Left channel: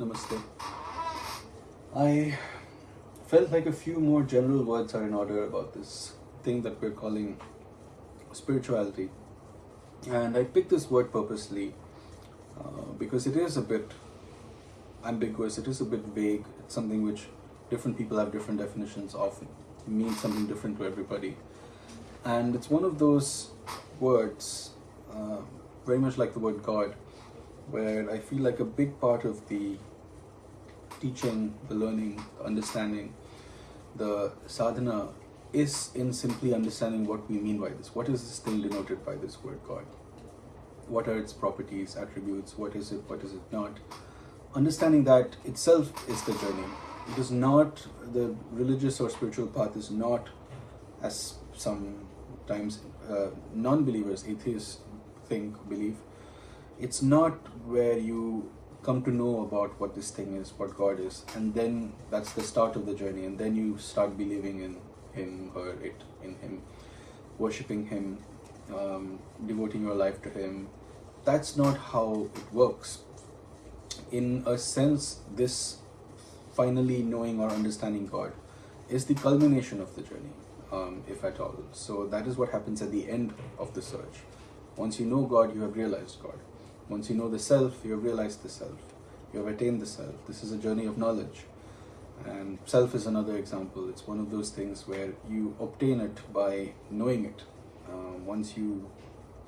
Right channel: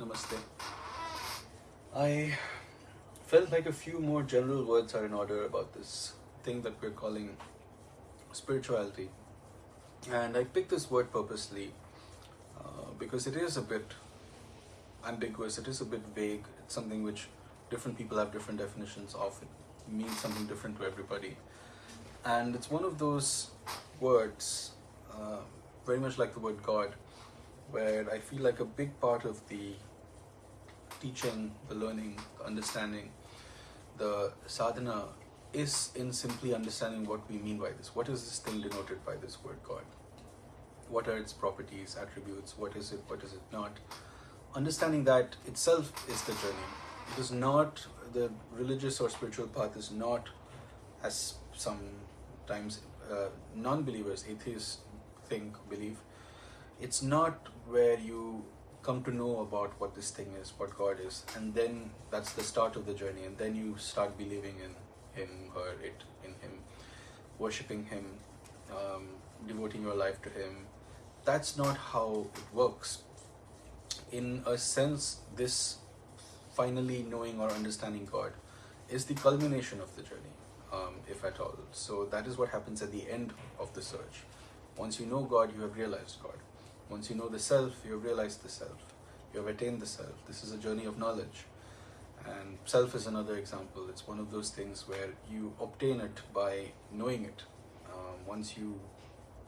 Namaste. I felt like a few more general words are in order about this thing that we're calling spirituality. And I picked this word purposely because it is a bit ambiguous, it is a bit vague, it's something which different people have different definitions of. It means something different to everybody. And it's one of those words, very much like the word God, where I feel like a big part of the teaching, the learning, the understanding, the sadhana is in simply understanding what we mean by this. What is this thing denoted by this word God? What are its properties, attributes? What is it not? Understanding that itself is the journey. It is not, the religious or spiritual path is not, as sometimes non-believers, atheists believe, it's not where you come to know about what this thing is, what God is, and then that's the start of the journey, and then you start believing in him or it, in him, worshipping him, devoting your life to him. That's not how it works. In a sense, this finally knowing or understanding God is the culmination of the journey, if at all. So that is what happens at the end of the search. Once you know God, you have realized God. Once you know the self, you have realized the self. You have attained the self. This is a journey of knowledge. And self is another example. It's one of those things where you obtain it by knowing it. Once you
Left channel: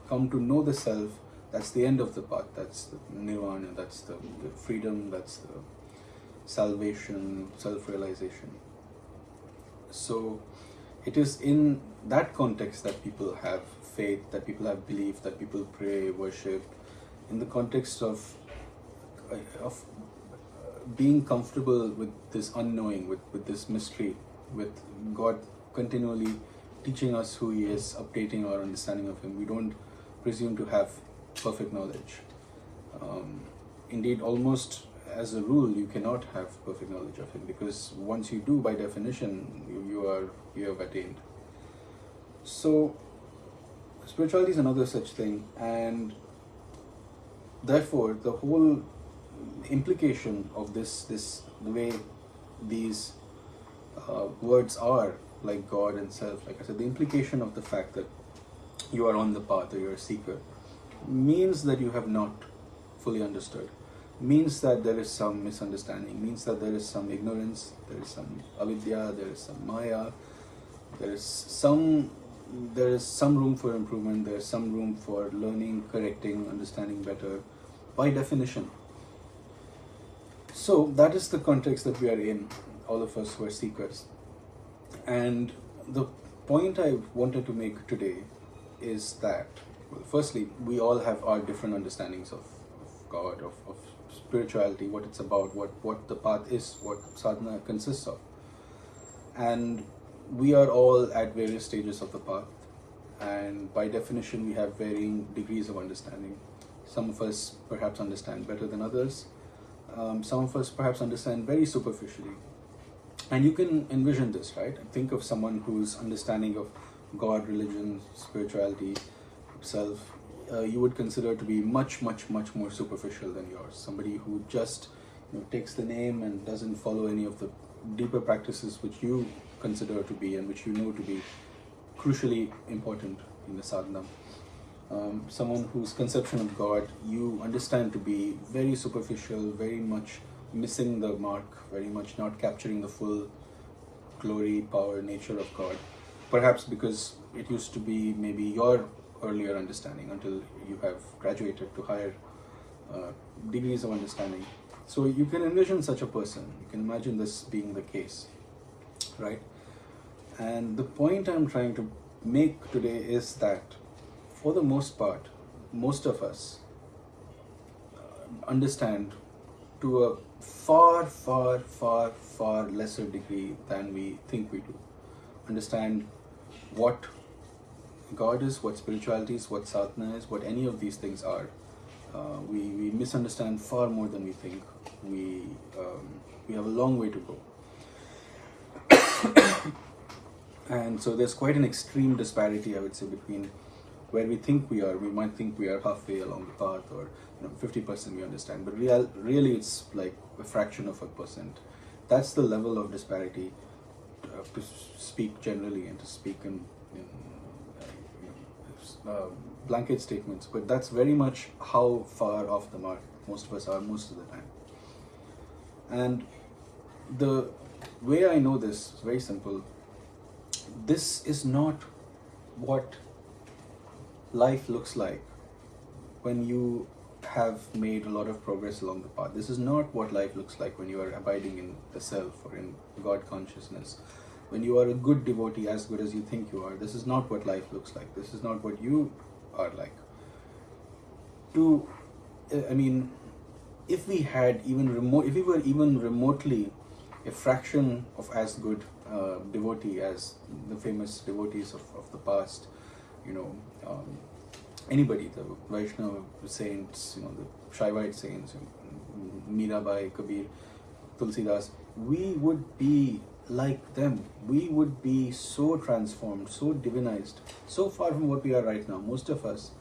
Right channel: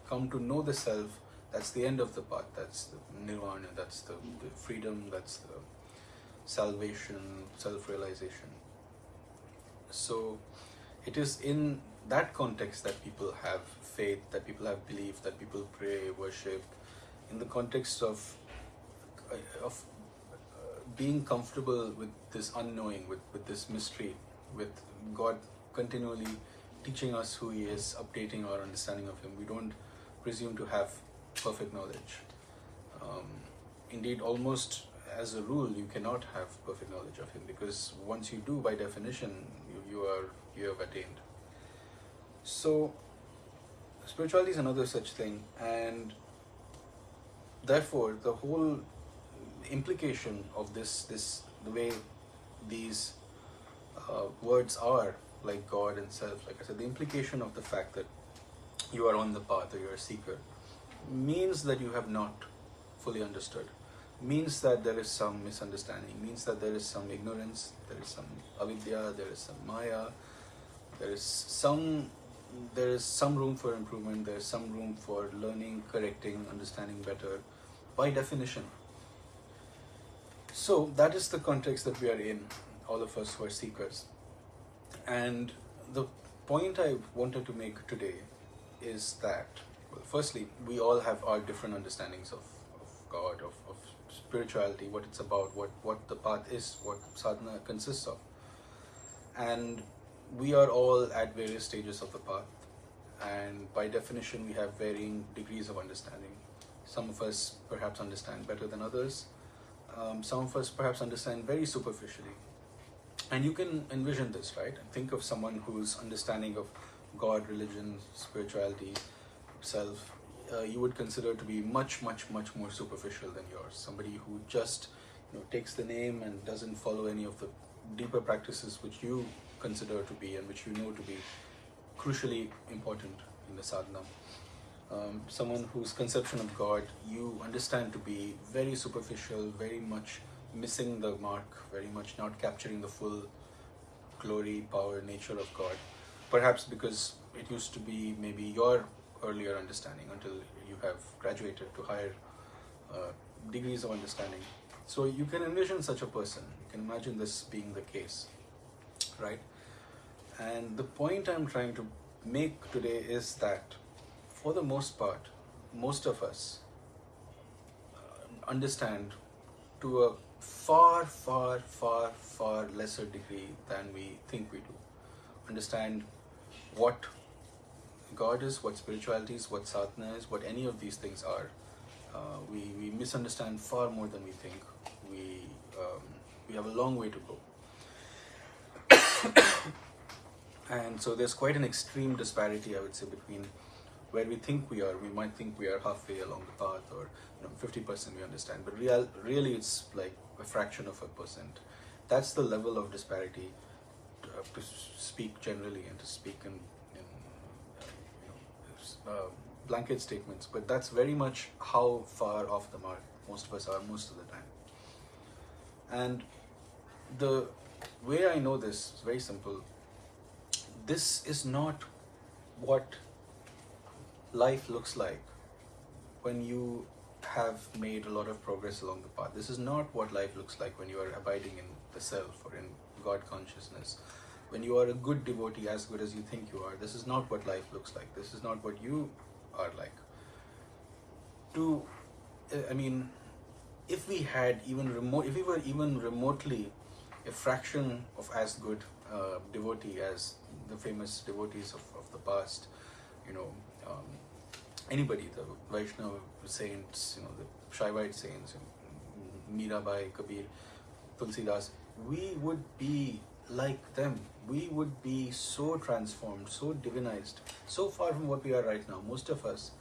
come to know the self, that's the end of the path. That's the nirvana, that's the freedom, that's the salvation, self-realization. So it is in that context that people have faith, that people have belief, that people pray, worship, in the context of being comfortable with this unknowing, with this mystery, with God continually teaching us who He is, updating our understanding of Him. We don't presume to have perfect knowledge. Indeed, almost as a rule, you cannot have perfect knowledge of Him, because once you do, by definition, you have attained. So, spirituality is another such thing, and therefore, the whole implication of the way these words are, like God and self, like I said, the implication of the fact that you are on the path or you're a seeker means that you have not fully understood, means that there is some misunderstanding, means that there is some ignorance, there is some avidya, there is some maya, there is some room for improvement, there is some room for learning, correcting, understanding better, by definition. So that is the context that we are in, all of us who are seekers. And the point I wanted to make today is that, well, firstly, we all have our different understandings of God, of spirituality, what it's about, what the path is, what sadhana consists of. And we are all at various stages of the path, and by definition we have varying degrees of understanding. Some of us perhaps understand better than others. Some of us perhaps understand very superficially. And you can envision this, right? Think of someone whose understanding of God, religion, spirituality, self, you would consider to be much, much, much more superficial than yours. Somebody who just takes the name and doesn't follow any of the deeper practices which you consider to be and which you know to be crucially important in the sadhana. Someone whose conception of God you understand to be very superficial, very much missing the mark, very much not capturing the full glory, power, nature of God. Perhaps because it used to be maybe your earlier understanding until you have graduated to higher degrees of understanding. So you can envision such a person. You can imagine this being the case, right? And the point I'm trying to make today is that for the most part, most of us understand to a far, far, far, far lesser degree than we think we do. Understand what God is, what spirituality is, what sadhana is, what any of these things are. We misunderstand far more than we think. We have a long way to go. And so there's quite an extreme disparity, I would say, between where we think we are. We might think we are halfway along the path, or 50% we understand, but really it's like a fraction of a percent. That's the level of disparity, to speak generally and to speak in blanket statements, but that's very much how far off the mark most of us are most of the time. And the way I know this is very simple. This is not what life looks like when you have made a lot of progress along the path. This is not what life looks like when you are abiding in the self or in God consciousness. When you are a good devotee, as good as you think you are, this is not what life looks like. This is not what you are like. If we were even remotely a fraction of as good devotee as the famous devotees of the past, anybody, the Vaishnava saints, the Shaivite saints, Mirabai, Kabir, Tulsidas, we would be like them. We would be so transformed, so divinized, so far from what we are right now. Most of us,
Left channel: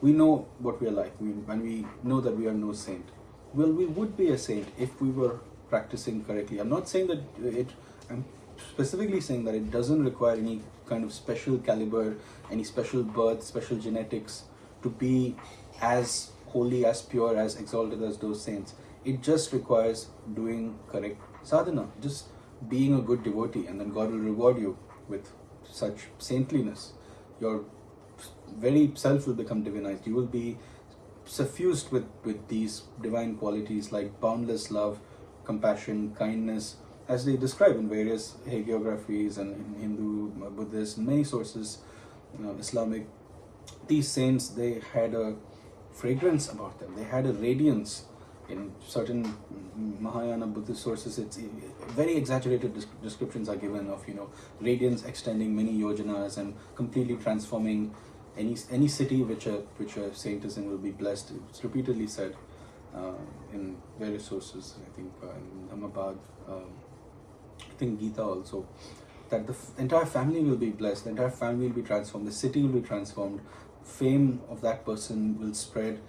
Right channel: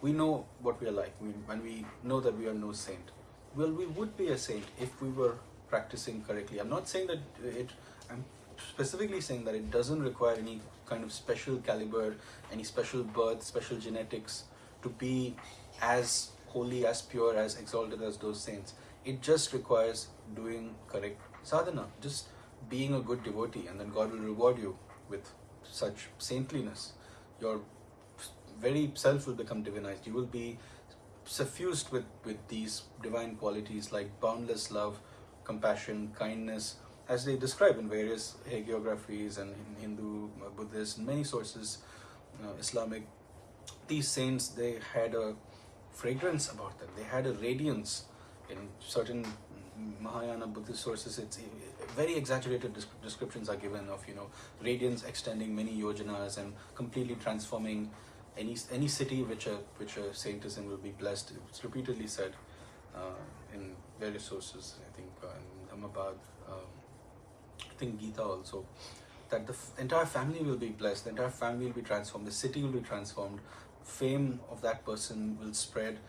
we know what we are like, and we know that we are no saint. Well, we would be a saint if we were practicing correctly. I'm not saying that I'm specifically saying that it doesn't require any kind of special caliber, any special birth, special genetics to be as holy, as pure, as exalted as those saints. It just requires doing correct sadhana, just being a good devotee, and then God will reward you with such saintliness. Your very self will become divinized. You will be suffused with these divine qualities like boundless love, compassion, kindness, as they describe in various hagiographies and in Hindu, Buddhist, many sources, Islamic. These saints, they had a fragrance about them. They had a radiance. In certain Mahayana Buddhist sources, it's very exaggerated descriptions are given of radiance extending many yojanas and completely transforming any city which a saint is in will be blessed. It's repeatedly said in various sources. I think in Ahmedabad, I think Gita also, that the entire family will be blessed. The entire family will be transformed. The city will be transformed. Fame of that person will spread.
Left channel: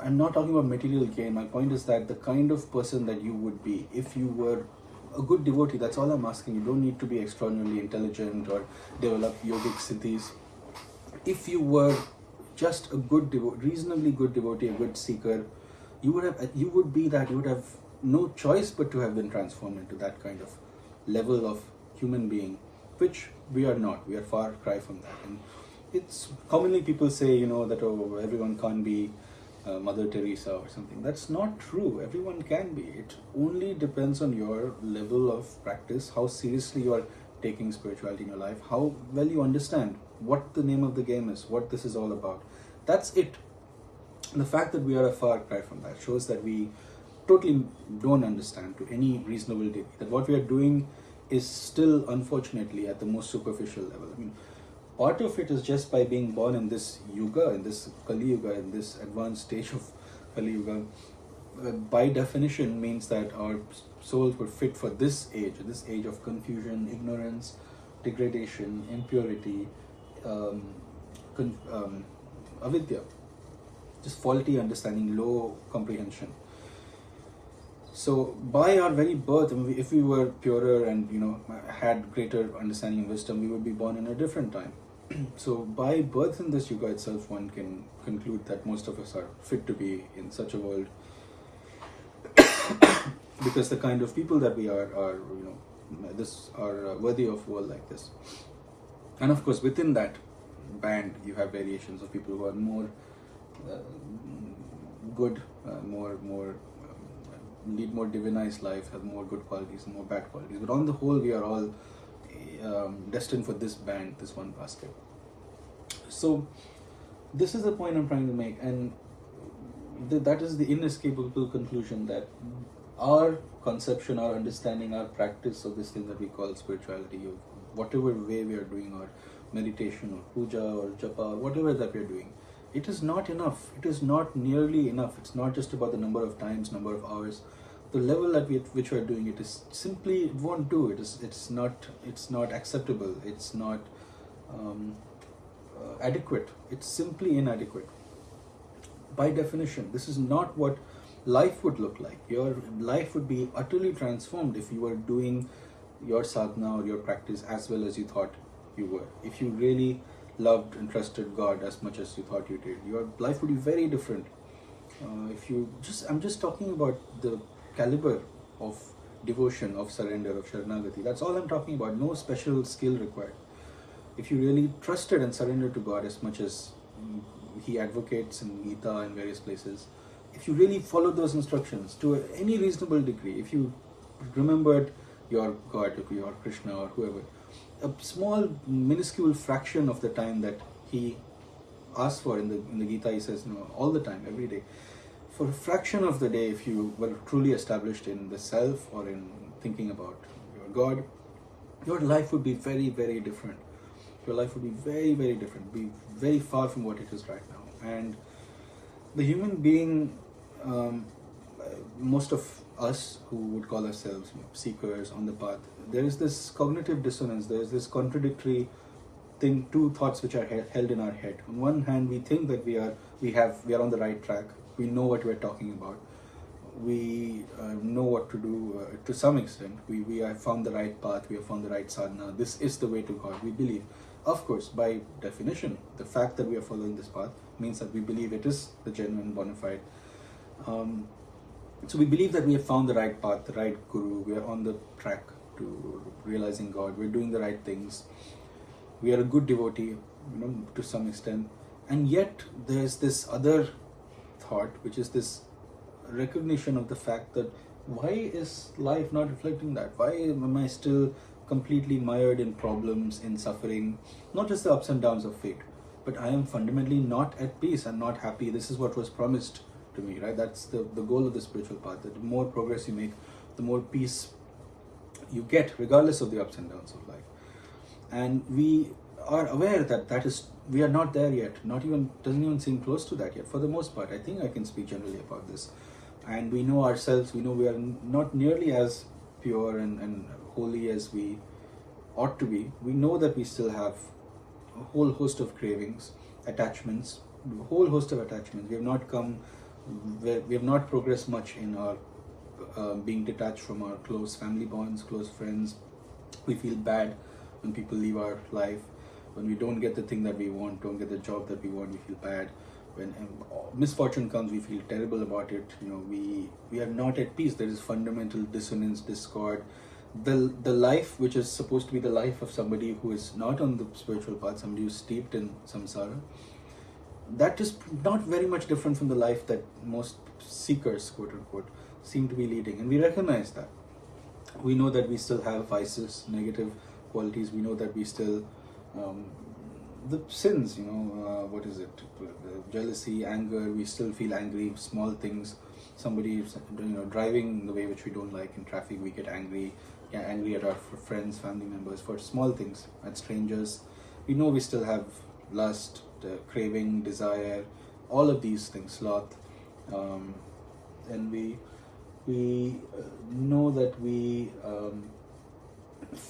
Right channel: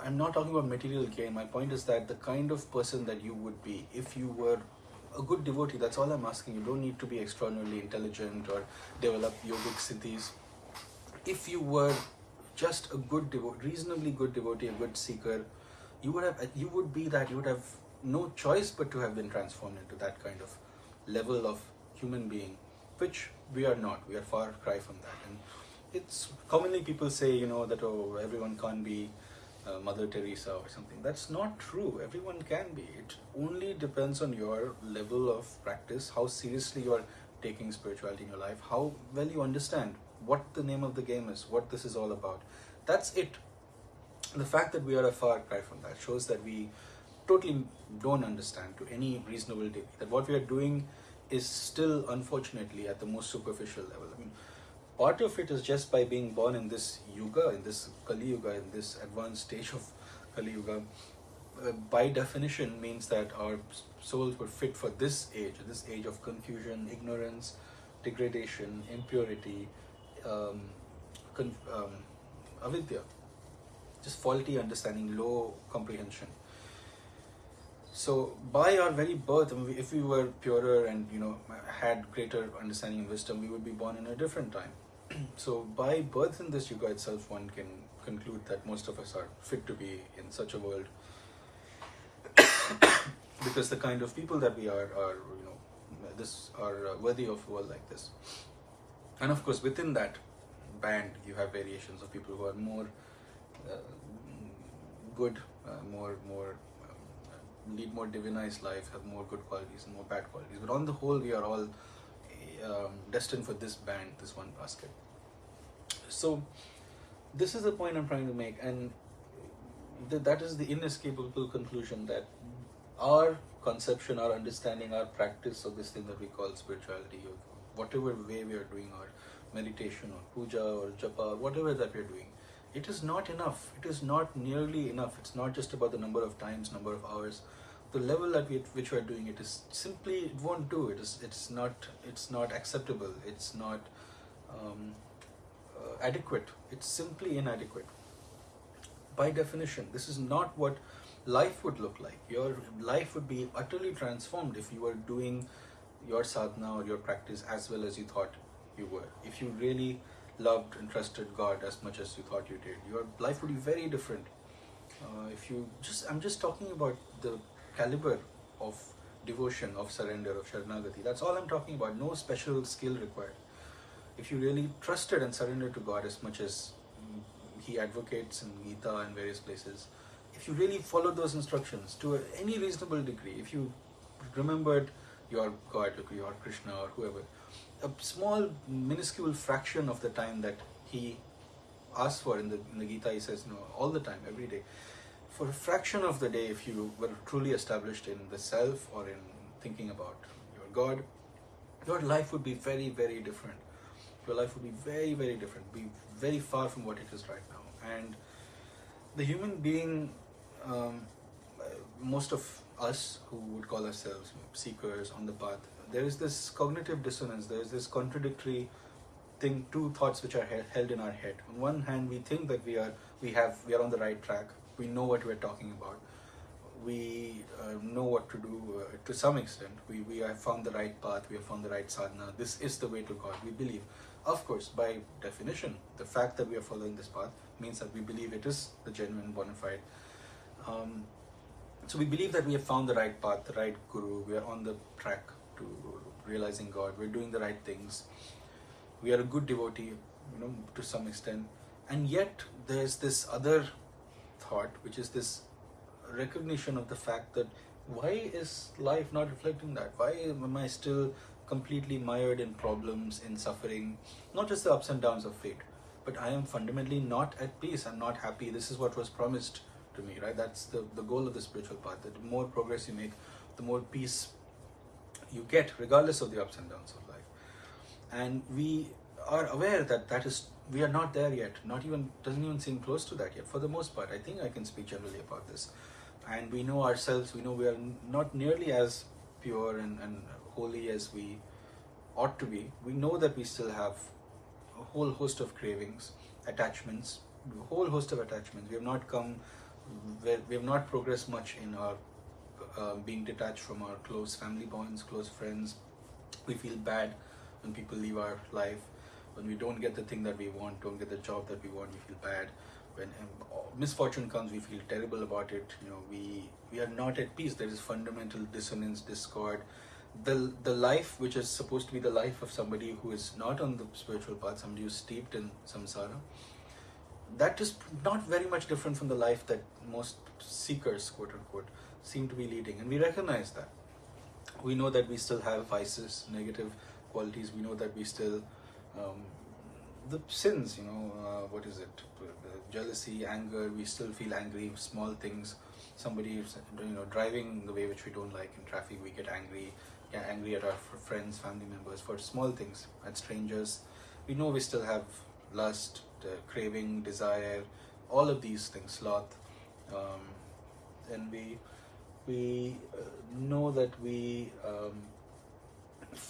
I'm not talking about material gain. My point is that the kind of person that you would be if you were a good devotee, that's all I'm asking. You don't need to be extraordinarily intelligent or develop yogic siddhis. If you were just a good reasonably good devotee, a good seeker, you would have no choice but to have been transformed into that kind of level of human being, which we are not. We are far cry from that. And it's commonly people say, that everyone can't be Mother Teresa or something. That's not true. Everyone can be. It only depends on your level of practice, how seriously you are taking spirituality in your life, how well you understand what the name of the game is, what this is all about. That's it. The fact that we are a far cry from that shows that we totally don't understand to any reasonable degree that what we are doing is still, unfortunately, at the most superficial level. Part of it is just by being born in this yuga, in this Kali Yuga, in this advanced stage of Kali Yuga, by definition means that our souls were fit for this age of confusion, ignorance, degradation, impurity, avidya, just faulty understanding, low comprehension. So by our very birth, if we were purer and had greater understanding and wisdom, we would be born in a different time. So by birth in this yuga itself, one can conclude that most of us are fit to be in such a world, because the kind of people that we are worthy of a world like this. And of course, within that band, you have variations of people who are more good, lead more divinized life, have more good qualities and more bad qualities. But on the whole, we are all destined for this band, this one basket. So this is the point I'm trying to make, and that is the inescapable conclusion, that our conception, our understanding, our practice of this thing that we call spirituality, of whatever way we are doing our meditation or puja or japa, whatever that we are doing, it is not enough. It is not nearly enough. It's not just about the number of times, number of hours. The level at which we are doing it is simply, it won't do. It's not acceptable. It's not adequate. It's simply inadequate. By definition, this is not what life would look like. Your life would be utterly transformed if you were doing your sadhana or your practice as well as you thought you were. If you really loved and trusted God as much as you thought you did, your life would be very different. I'm just talking about the caliber of devotion, of surrender, of sharanagati. That's all I'm talking about. No special skill required. If you really trusted and surrendered to God as much as He advocates in Gita and various places, if you really followed those instructions to any reasonable degree, if you remembered your God, your Krishna or whoever, a small minuscule fraction of the time that He asks for in the Gita, He says, all the time, every day. For a fraction of the day, if you were truly established in the self or in thinking about your God, your life would be very, very different. Your life would be very, very different, be very far from what it is right now. And the human being, most of us who would call ourselves seekers on the path, there is this cognitive dissonance, there is this contradictory thing, two thoughts which are held in our head. On one hand, we think that we are on the right track. We know what we're talking about. We know what to do to some extent. We have found the right path. We have found the right sadhana. This is the way to God. We believe. Of course, by definition, the fact that we are following this path means that we believe it is the genuine, bona fide. So we believe that we have found the right path, the right guru. We are on the track to realizing God. We're doing the right things. We are a good devotee, to some extent. And yet, there's this other thought, which is this recognition of the fact that why is life not reflecting that? Why am I still completely mired in problems, in suffering? Not just the ups and downs of fate, but I am fundamentally not at peace. I'm not happy. This is what was promised to me, right? That's the goal of the spiritual path, that the more progress you make, the more peace you get, regardless of the ups and downs of life. And we are aware that we are not there yet. Doesn't even seem close to that yet. For the most part, I think I can speak generally about this. And we know ourselves. We know we are not nearly as pure and holy as we ought to be. We know that we still have a whole host of cravings, attachments, a whole host of attachments. We have not progressed much in our being detached from our close family bonds, close friends. We feel bad when people leave our life. When we don't get the thing that we want, don't get the job that we want, we feel bad. When misfortune comes, we feel terrible about it. We are not at peace. There is fundamental dissonance, discord. The life which is supposed to be the life of somebody who is not on the spiritual path, somebody who's steeped in samsara, that is not very much different from the life that most seekers, quote unquote, seem to be leading. And we recognize that. We know that we still have vices, negative qualities. We know that we still the sins, what is it? The jealousy, anger. We still feel angry. Small things. Somebody, driving the way which we don't like in traffic, we get angry. Angry at our friends, family members for small things. At strangers, we know we still have lust, craving, desire, all of these things, sloth, and we know that we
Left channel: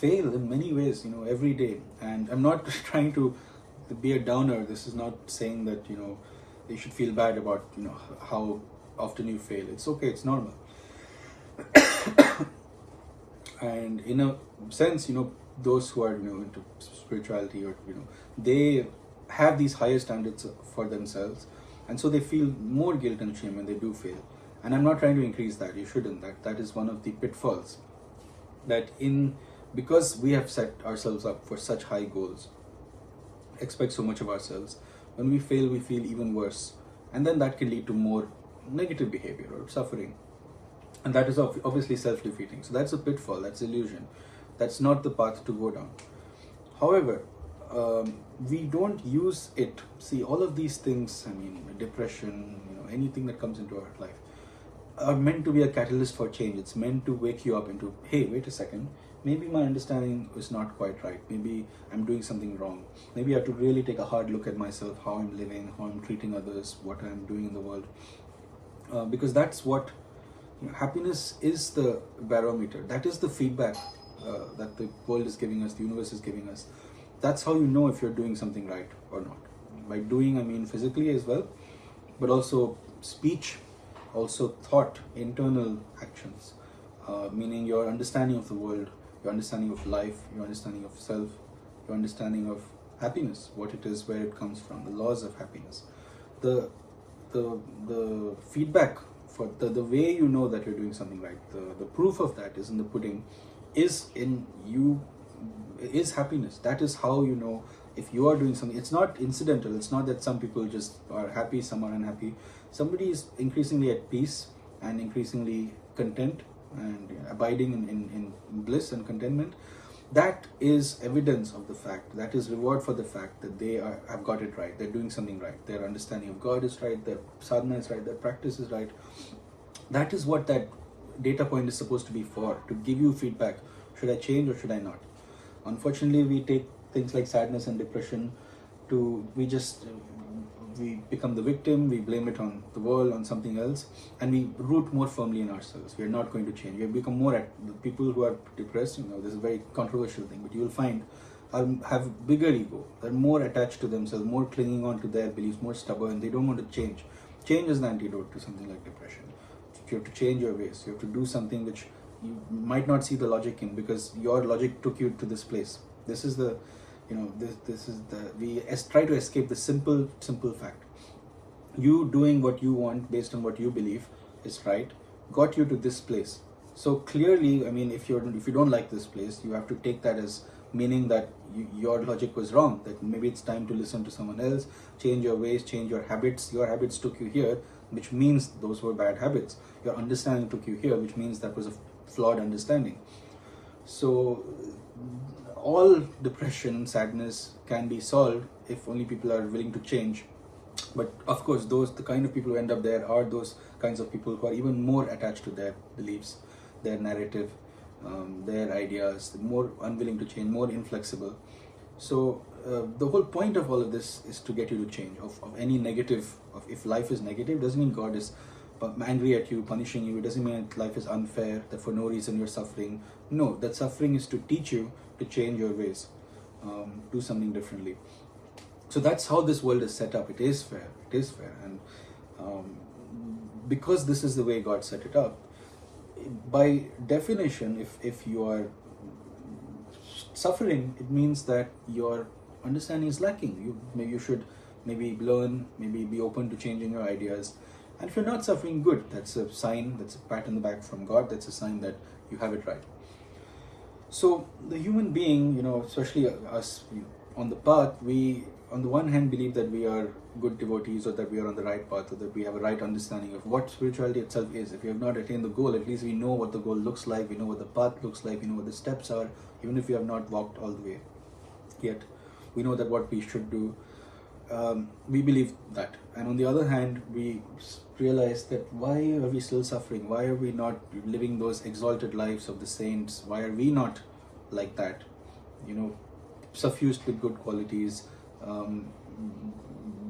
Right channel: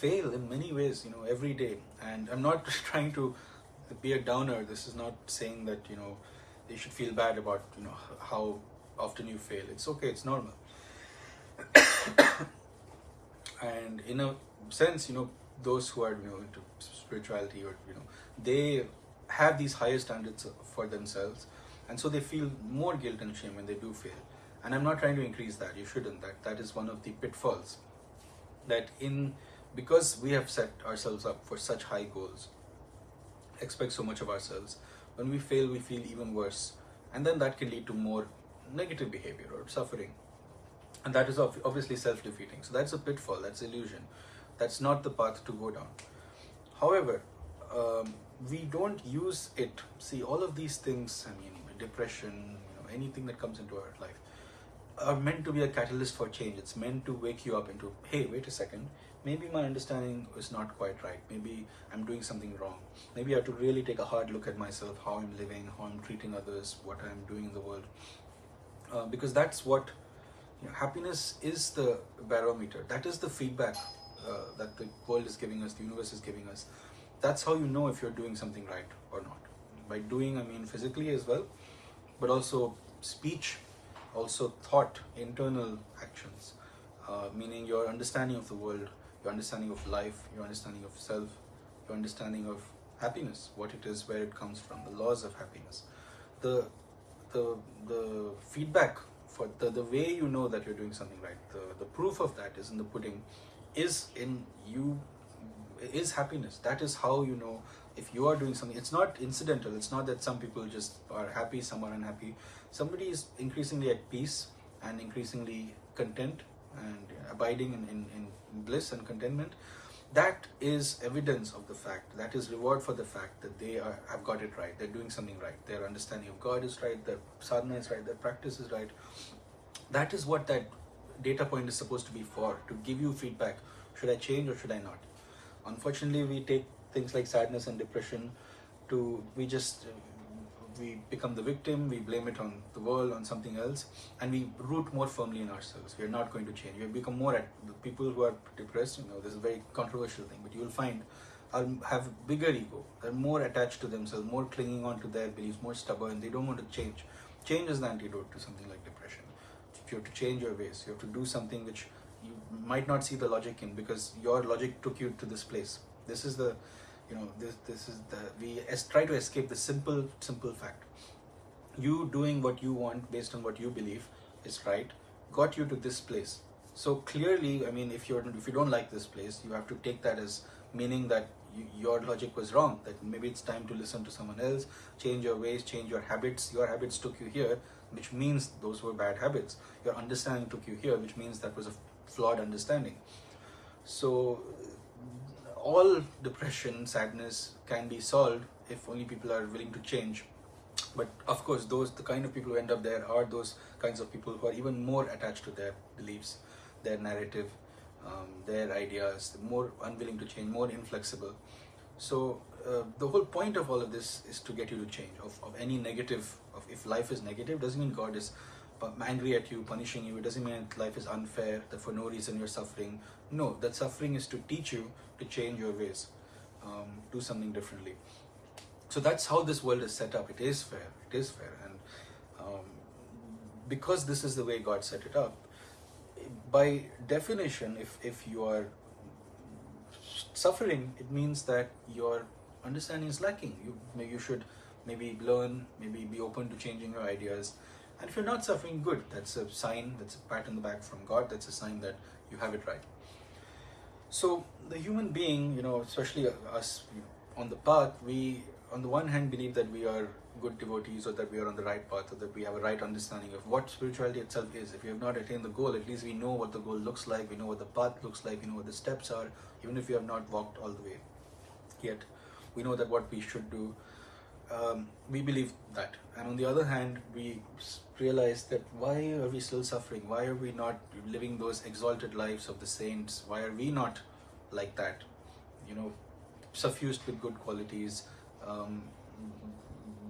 fail in many ways, every day. And I'm not trying to be a downer. This is not saying that, you should feel bad about, how often you fail. It's okay, it's normal. And in a sense, those who are, into spirituality or, they have these higher standards for themselves. And so they feel more guilt and shame when they do fail. And I'm not trying to increase that. You shouldn't. That is one of the pitfalls. Because we have set ourselves up for such high goals, expect so much of ourselves, when we fail, we feel even worse. And then that can lead to more negative behavior or suffering. And that is obviously self-defeating. So that's a pitfall, that's illusion. That's not the path to go down. However, we don't use it. See, all of these things, depression, anything that comes into our life, are meant to be a catalyst for change. It's meant to wake you up into, hey, wait a second, maybe my understanding is not quite right. Maybe I'm doing something wrong. Maybe I have to really take a hard look at myself, how I'm living, how I'm treating others, what I'm doing in the world. Because that's what, happiness is the barometer. That is the feedback that the world is giving us, the universe is giving us. That's how you know if you're doing something right or not. By doing, I mean physically as well, but also speech, also thought, internal actions, meaning your understanding of the world, your understanding of life, your understanding of self, your understanding of happiness, what it is, where it comes from, the laws of happiness. The the feedback for the way you know that you're doing something right, the proof of that is in the pudding, is in you, is happiness. That is how you know if you are doing something. It's not incidental. It's not that some people just are happy, some are unhappy. Somebody is increasingly at peace and increasingly content and abiding in bliss and contentment. That is evidence of the fact, that is reward for the fact that they have got it right, they're doing something right, their understanding of God is right, their sadhana is right, their practice is right. That is what that data point is supposed to be for, to give you feedback. Should I change or should I not? Unfortunately, we take things like sadness and depression we become the victim, we blame it on the world, on something else, and we root more firmly in ourselves. We are not going to change. We have become more people who are depressed. This is a very controversial thing, but you will find have bigger ego. They're more attached to themselves, more clinging on to their beliefs, more stubborn. They don't want to change. Change is the antidote to something like depression. If you have to change your ways, you have to do something which you might not see the logic in, because your logic took you to this place. This is the we try to escape the simple fact. You doing what you want based on what you believe is right got you to this place. So clearly, if you don't like this place, you have to take that as meaning that your logic was wrong, that maybe it's time to listen to someone else, change your ways, change your habits. Your habits took you here, which means those were bad habits. Your understanding took you here, which means that was a flawed understanding. So all depression, sadness can be solved if only people are willing to change. But of course, the kind of people who end up there are those kinds of people who are even more attached to their beliefs, their narrative, their ideas, more unwilling to change, more inflexible. So the whole point of all of this is to get you to change. Of any negative, if life is negative, doesn't mean God is angry at you, punishing you. It doesn't mean that life is unfair, that for no reason you're suffering. No, that suffering is to teach you to change your ways, do something differently. So that's how this world is set up. It is fair. And because this is the way God set it up, by definition, if you are suffering, it means that your understanding is lacking. You should maybe learn, maybe be open to changing your ideas. And if you're not suffering, good. That's a sign, that's a pat on the back from God. That's a sign that you have it right. So the human being, especially us on the path, we on the one hand believe that we are good devotees, or that we are on the right path, or that we have a right understanding of what spirituality itself is. If we have not attained the goal, at least we know what the goal looks like, we know what the path looks like, we know what the steps are, even if we have not walked all the way yet. We know that what we should do. We believe that. And on the other hand, we realize that why are we still suffering? Why are we not living those exalted lives of the saints? Why are we not like that? Suffused with good qualities.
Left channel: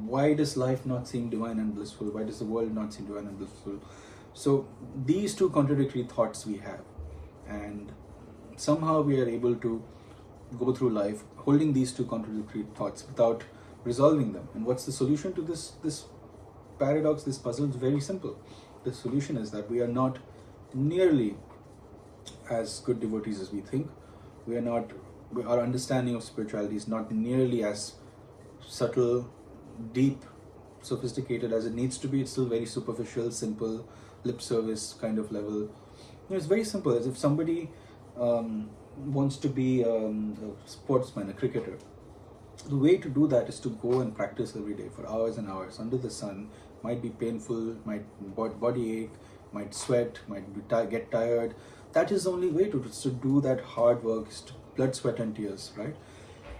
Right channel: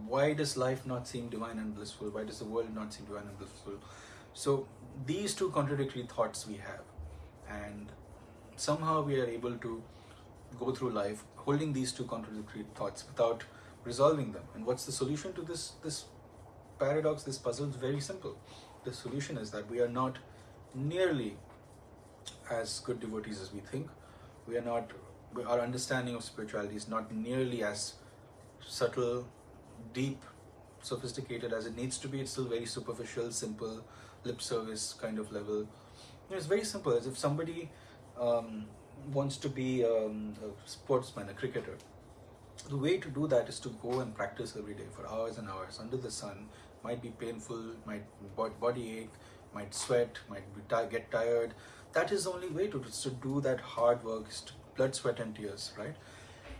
Why does life not seem divine and blissful? Why does the world not seem divine and blissful? So these two contradictory thoughts we have, and somehow we are able to go through life holding these two contradictory thoughts without resolving them. And what's the solution to this paradox, this puzzle? Is very simple. The solution is that we are not nearly as good devotees as we think. Our understanding of spirituality is not nearly as subtle, deep, sophisticated as it needs to be. It's still very superficial, simple, lip service kind of level. It's very simple. As if somebody wants to be a sportsman, a cricketer. The way to do that is to go and practice every day for hours and hours under the sun. Might be painful, might body ache, might sweat, might get tired. That is the only way to do that hard work, blood, sweat and tears, right?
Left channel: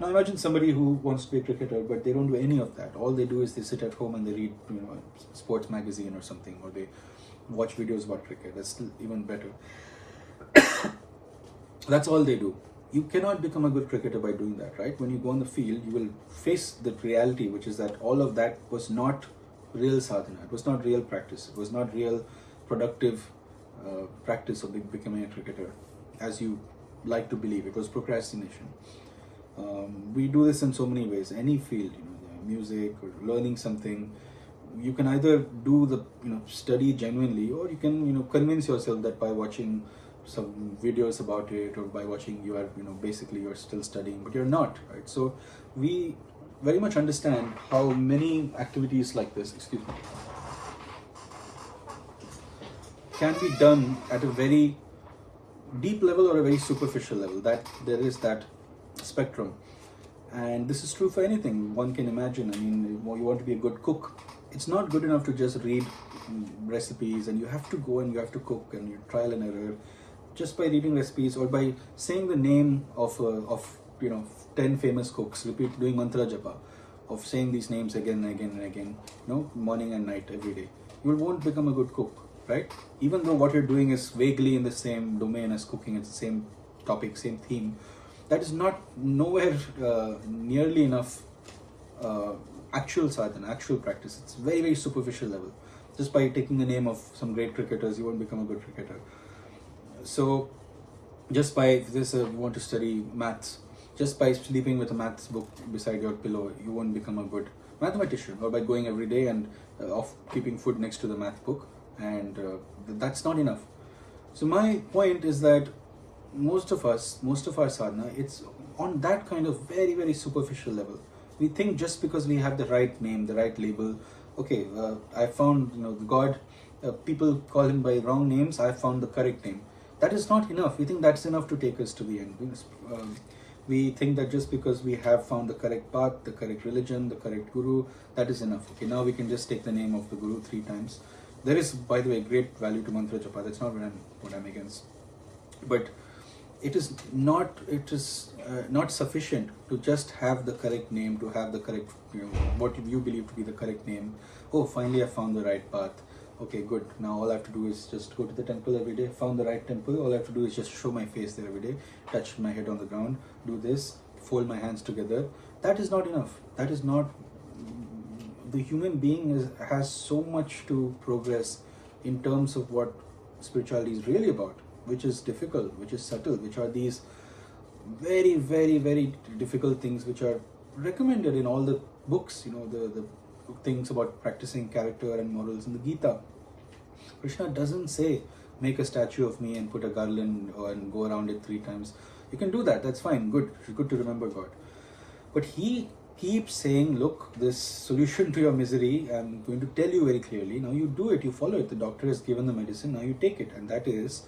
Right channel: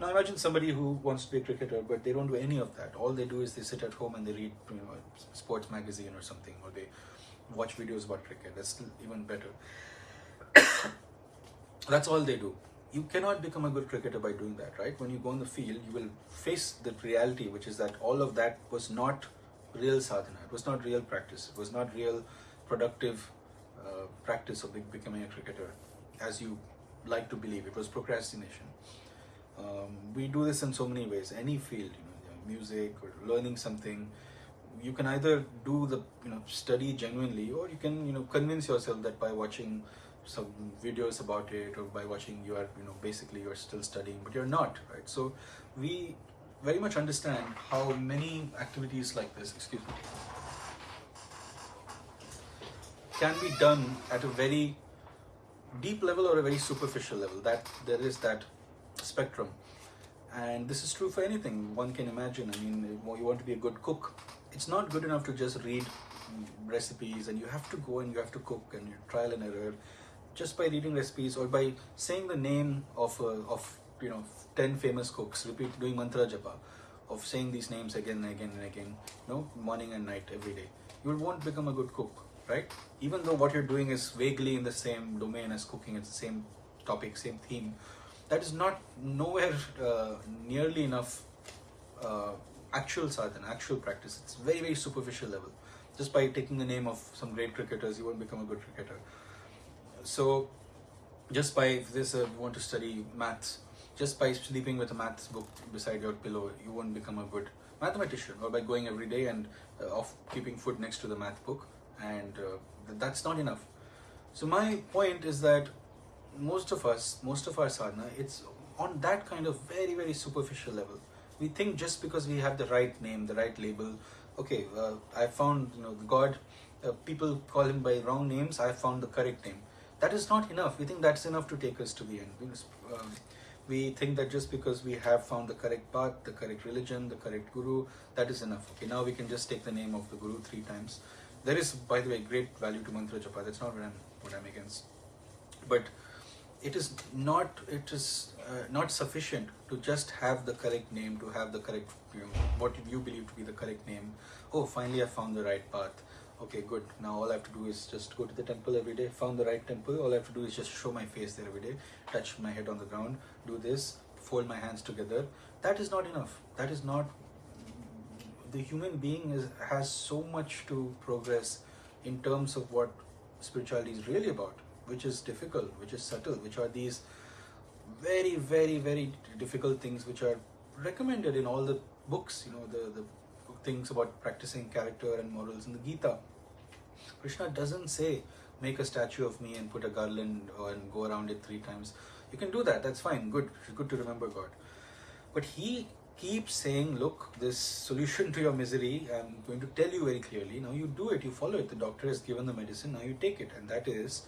Now imagine somebody who wants to be a cricketer, but they don't do any of that. All they do is they sit at home and they read, a sports magazine or something, or they watch videos about cricket. That's still even better. That's all they do. You cannot become a good cricketer by doing that, right? When you go on the field, you will face the reality, which is that all of that was not real sadhana. It was not real practice. It was not real productive practice of becoming a cricketer, as you like to believe. It was procrastination. We do this in so many ways. Any field, music or learning something, you can either do the study genuinely, or you can convince yourself that by watching some videos about it, or by watching you are basically you're still studying, but you're not, right? So we very much understand how many activities like this, excuse me, can be done at a very deep level or a very superficial level. That there is that spectrum, and this is true for anything one can imagine. I mean, you want to be a good cook. It's not good enough to just read recipes, and you have to go and you have to cook, and you trial and error. Just by reading recipes or by saying the name of 10 famous cooks, doing mantra japa, of saying these names again and again and again, morning and night every day, you won't become a good cook, right? Even though what you're doing is vaguely in the same domain as cooking, it's the same topic, same theme, that is not nowhere nearly enough actual sadhana, actual practice. It's very, very superficial level. Just by taking the name of some great cricketers, you won't become a good cricketer. So just by this, you want to study maths, just by sleeping with a maths book beside your pillow, you won't become a good mathematician. Or by going every day and keeping food next to the math book, and that's not enough. So my point is that most of our sadhana, it's on that kind of very, very superficial level. We think just because we have the right name, the right label, okay, I found God, people call him by wrong names, I found the correct name. That is not enough. We think that's enough to take us to the end. We think that just because we have found the correct path, the correct religion, the correct guru, that is enough. Okay, now we can just take the name of the guru 3 times. There is, by the way, great value to mantra japa. That's not what I'm against. But it is not sufficient to just have the correct name, to have the correct, what you believe to be the correct name. Oh, finally I found the right path. Okay, good. Now all I have to do is just go to the temple every day. Found the right temple. All I have to do is just show my face there every day, touch my head on the ground, do this, fold my hands together. That is not enough. That is not. The human being has so much to progress in terms of what spirituality is really about, which is difficult, which is subtle, which are these very, very, very difficult things which are recommended in all the books, the things about practicing character and morals in the Gita. Krishna doesn't say, make a statue of me and put a garland and go around it 3 times. You can do that, that's fine, good to remember God. But he keeps saying, look, this solution to your misery, I'm going to tell you very clearly. Now you do it, you follow it. The doctor has given the medicine, now you take it. And that is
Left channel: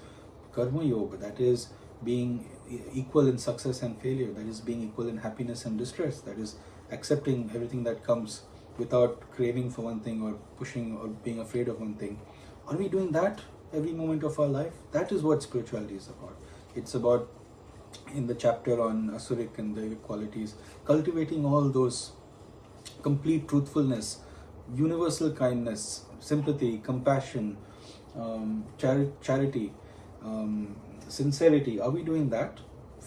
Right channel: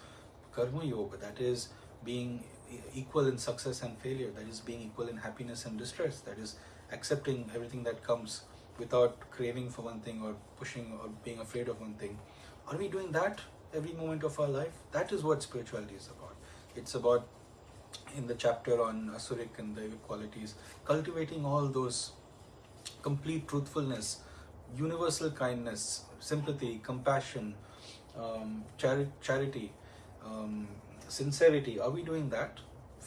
karma yoga, that is being equal in success and failure, that is being equal in happiness and distress, that is accepting everything that comes without craving for one thing or pushing or being afraid of one thing. Are we doing that every moment of our life? That is what spirituality is about. It's about, in the chapter on Asuric and the qualities, cultivating all those complete truthfulness, universal kindness, sympathy, compassion, charity, sincerity. Are we doing that?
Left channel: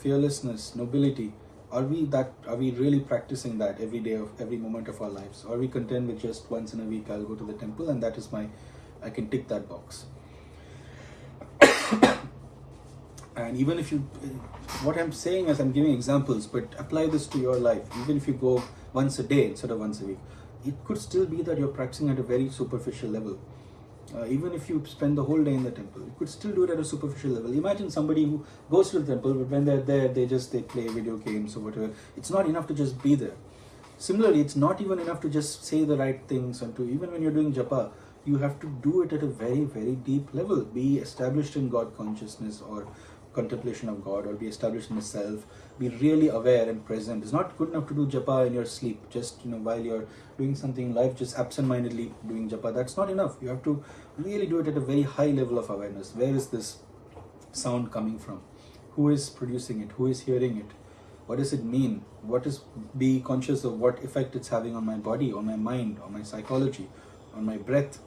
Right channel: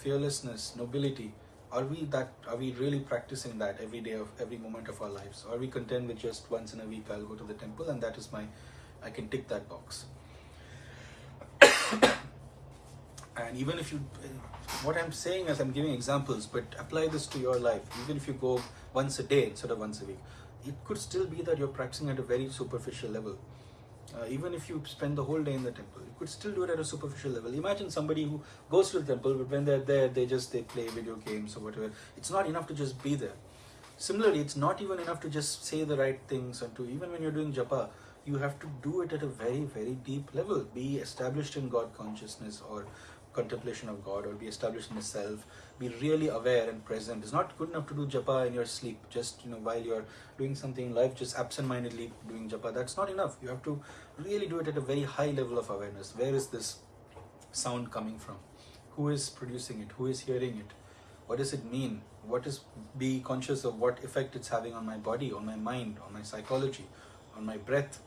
Fearlessness, nobility. Are we really practicing that every day of every moment of our lives? Or are we content with just once in a week I'll go to the temple and that is I can tick that box? And even if what I'm saying is I'm giving examples, but apply this to your life. Even if you go once a day instead of once a week, it could still be that you're practicing at a very superficial level. Even if you spend the whole day in the temple, you could still do it at a superficial level. Imagine somebody who goes to the temple, but when they're there, they play video games or whatever. It's not enough to just be there. Similarly, it's not even enough to just say the right things, and even when you're doing japa, you have to do it at a very, very deep level. Be established in God consciousness or contemplation of God, or be established in the self. Be really aware and present. It's not good enough to do japa in your sleep, just while you're doing something in life, just absent-mindedly doing japa. That's not enough. You have to really do it at a very high level of awareness. Where is this sound coming from? Who is producing it? Who is hearing it? What does it mean? Be conscious of what effect it's having on my body, on my mind, on my psychology, on my breath.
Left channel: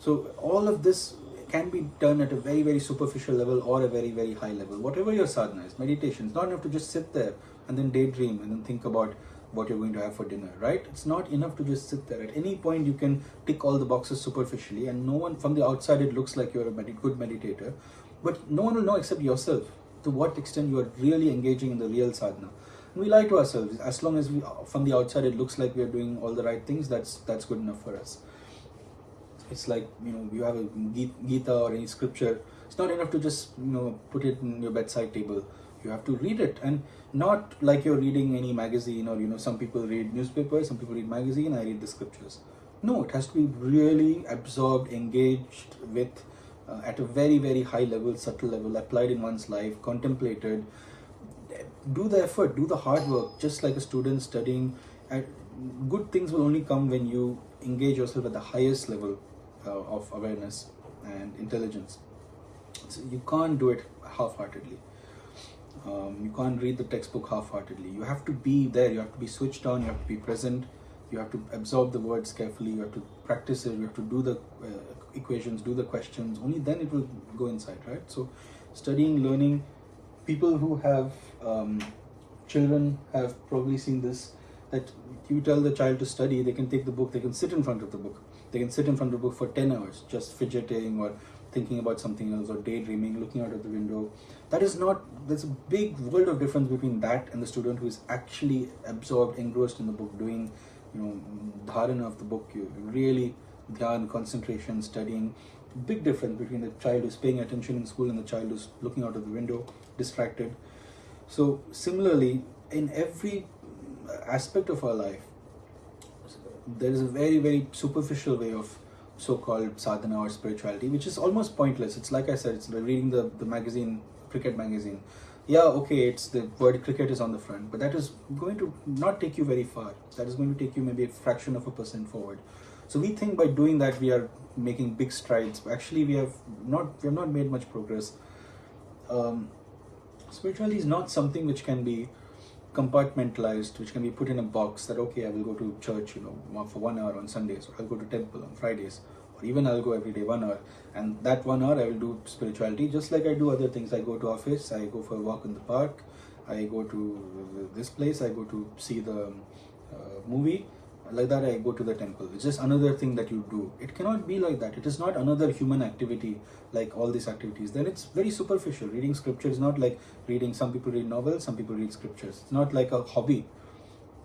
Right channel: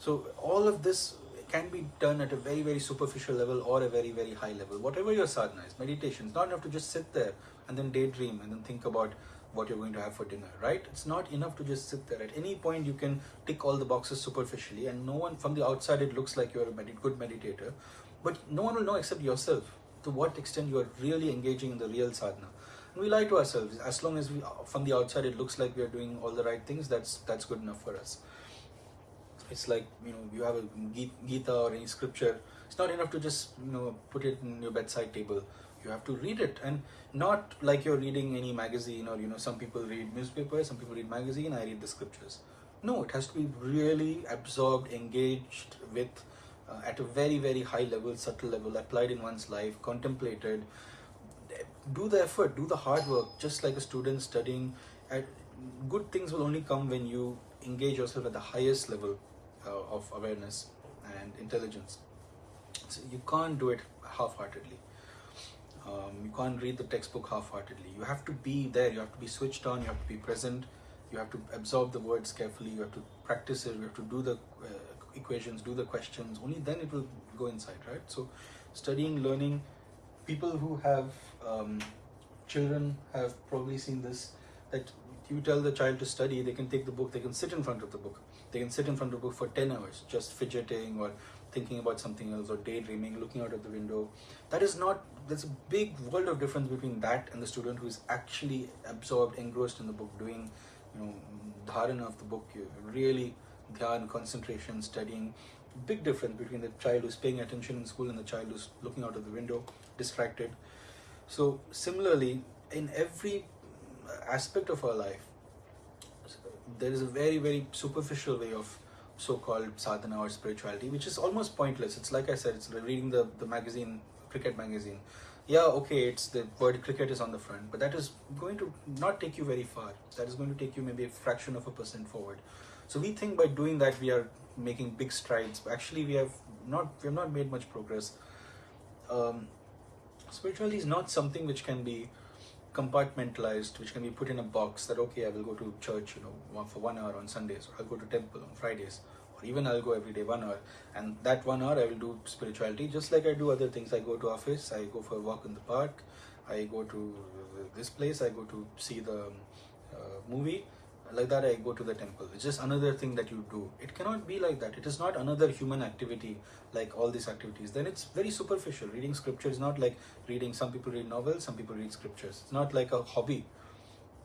So all of this can be done at a very, very superficial level or a very, very high level. Whatever your sadhana is, meditation, it's not enough to just sit there and then daydream and then think about what you're going to have for dinner, right? It's not enough to just sit there. At any point you can tick all the boxes superficially, and no one from the outside, it looks like you're a good meditator, but no one will know except yourself to what extent you are really engaging in the real sadhana. And we lie to ourselves. As long as from the outside it looks like we are doing all the right things, that's good enough for us. It's like, you have a Gita or any scripture. It's not enough to just, put it in your bedside table. You have to read it, and not like you're reading any magazine, or some people read newspapers, some people read magazine, I read the scriptures. No, it has to be really absorbed, engaged with, at a very, very high level, subtle level, applied in one's life, contemplated. Do the effort, do the hard work, just like a student studying. Good things will only come when you engage yourself at the highest level of awareness and intelligence. So you can't do it half-heartedly. You can't read the textbook half-heartedly. You have to be there, you have to be switched on, you have to be present, you have to absorb the words carefully, you have to practice it, you have to do the equations, do the questions. Only then it will go inside, right? So studying, learning, people who have children have probably seen this, that you tell the child to study, they can take the book, they can sit in front of the book. They can sit in front of the book for 10 hours, just fidgeting or thinking about something else, or daydreaming, looking out of the window. There's a big world of difference between that and the student who is actually absorbed, engrossed in the book, doing, dharana of the book, really dhyan, concentration, studying. Big difference between the child who's paying attention in school and the child who's looking out of the window, distracted. So similarly, in every aspect of our life, there is a very, very superficial way of so-called sadhana or spirituality, which is almost pointless. It's like I said, it's reading the magazine, cricket magazine. Yeah, okay, it's the word cricket is on the front, but that is going to not take you very far. That is going to take you maybe a fraction of a percent forward. So we think by doing that we are making big strides. Actually, we have not made much progress. Spirituality is not something which can be compartmentalized, which can be put in a box that, okay, I will go to church, for 1 hour on Sundays, or I'll go to temple on Fridays, or even I'll go every day 1 hour, and that 1 hour I will do spirituality, just like I do other things. I go to office, I go for a walk in the park, I go to this place, I go to see the movie. Like that, I go to the temple. It's just another thing that you do. It cannot be like that. It is not another human activity like all these activities. Then it's very superficial. Reading scripture is not like reading. Some people read novels, some people read scriptures. It's not like a hobby.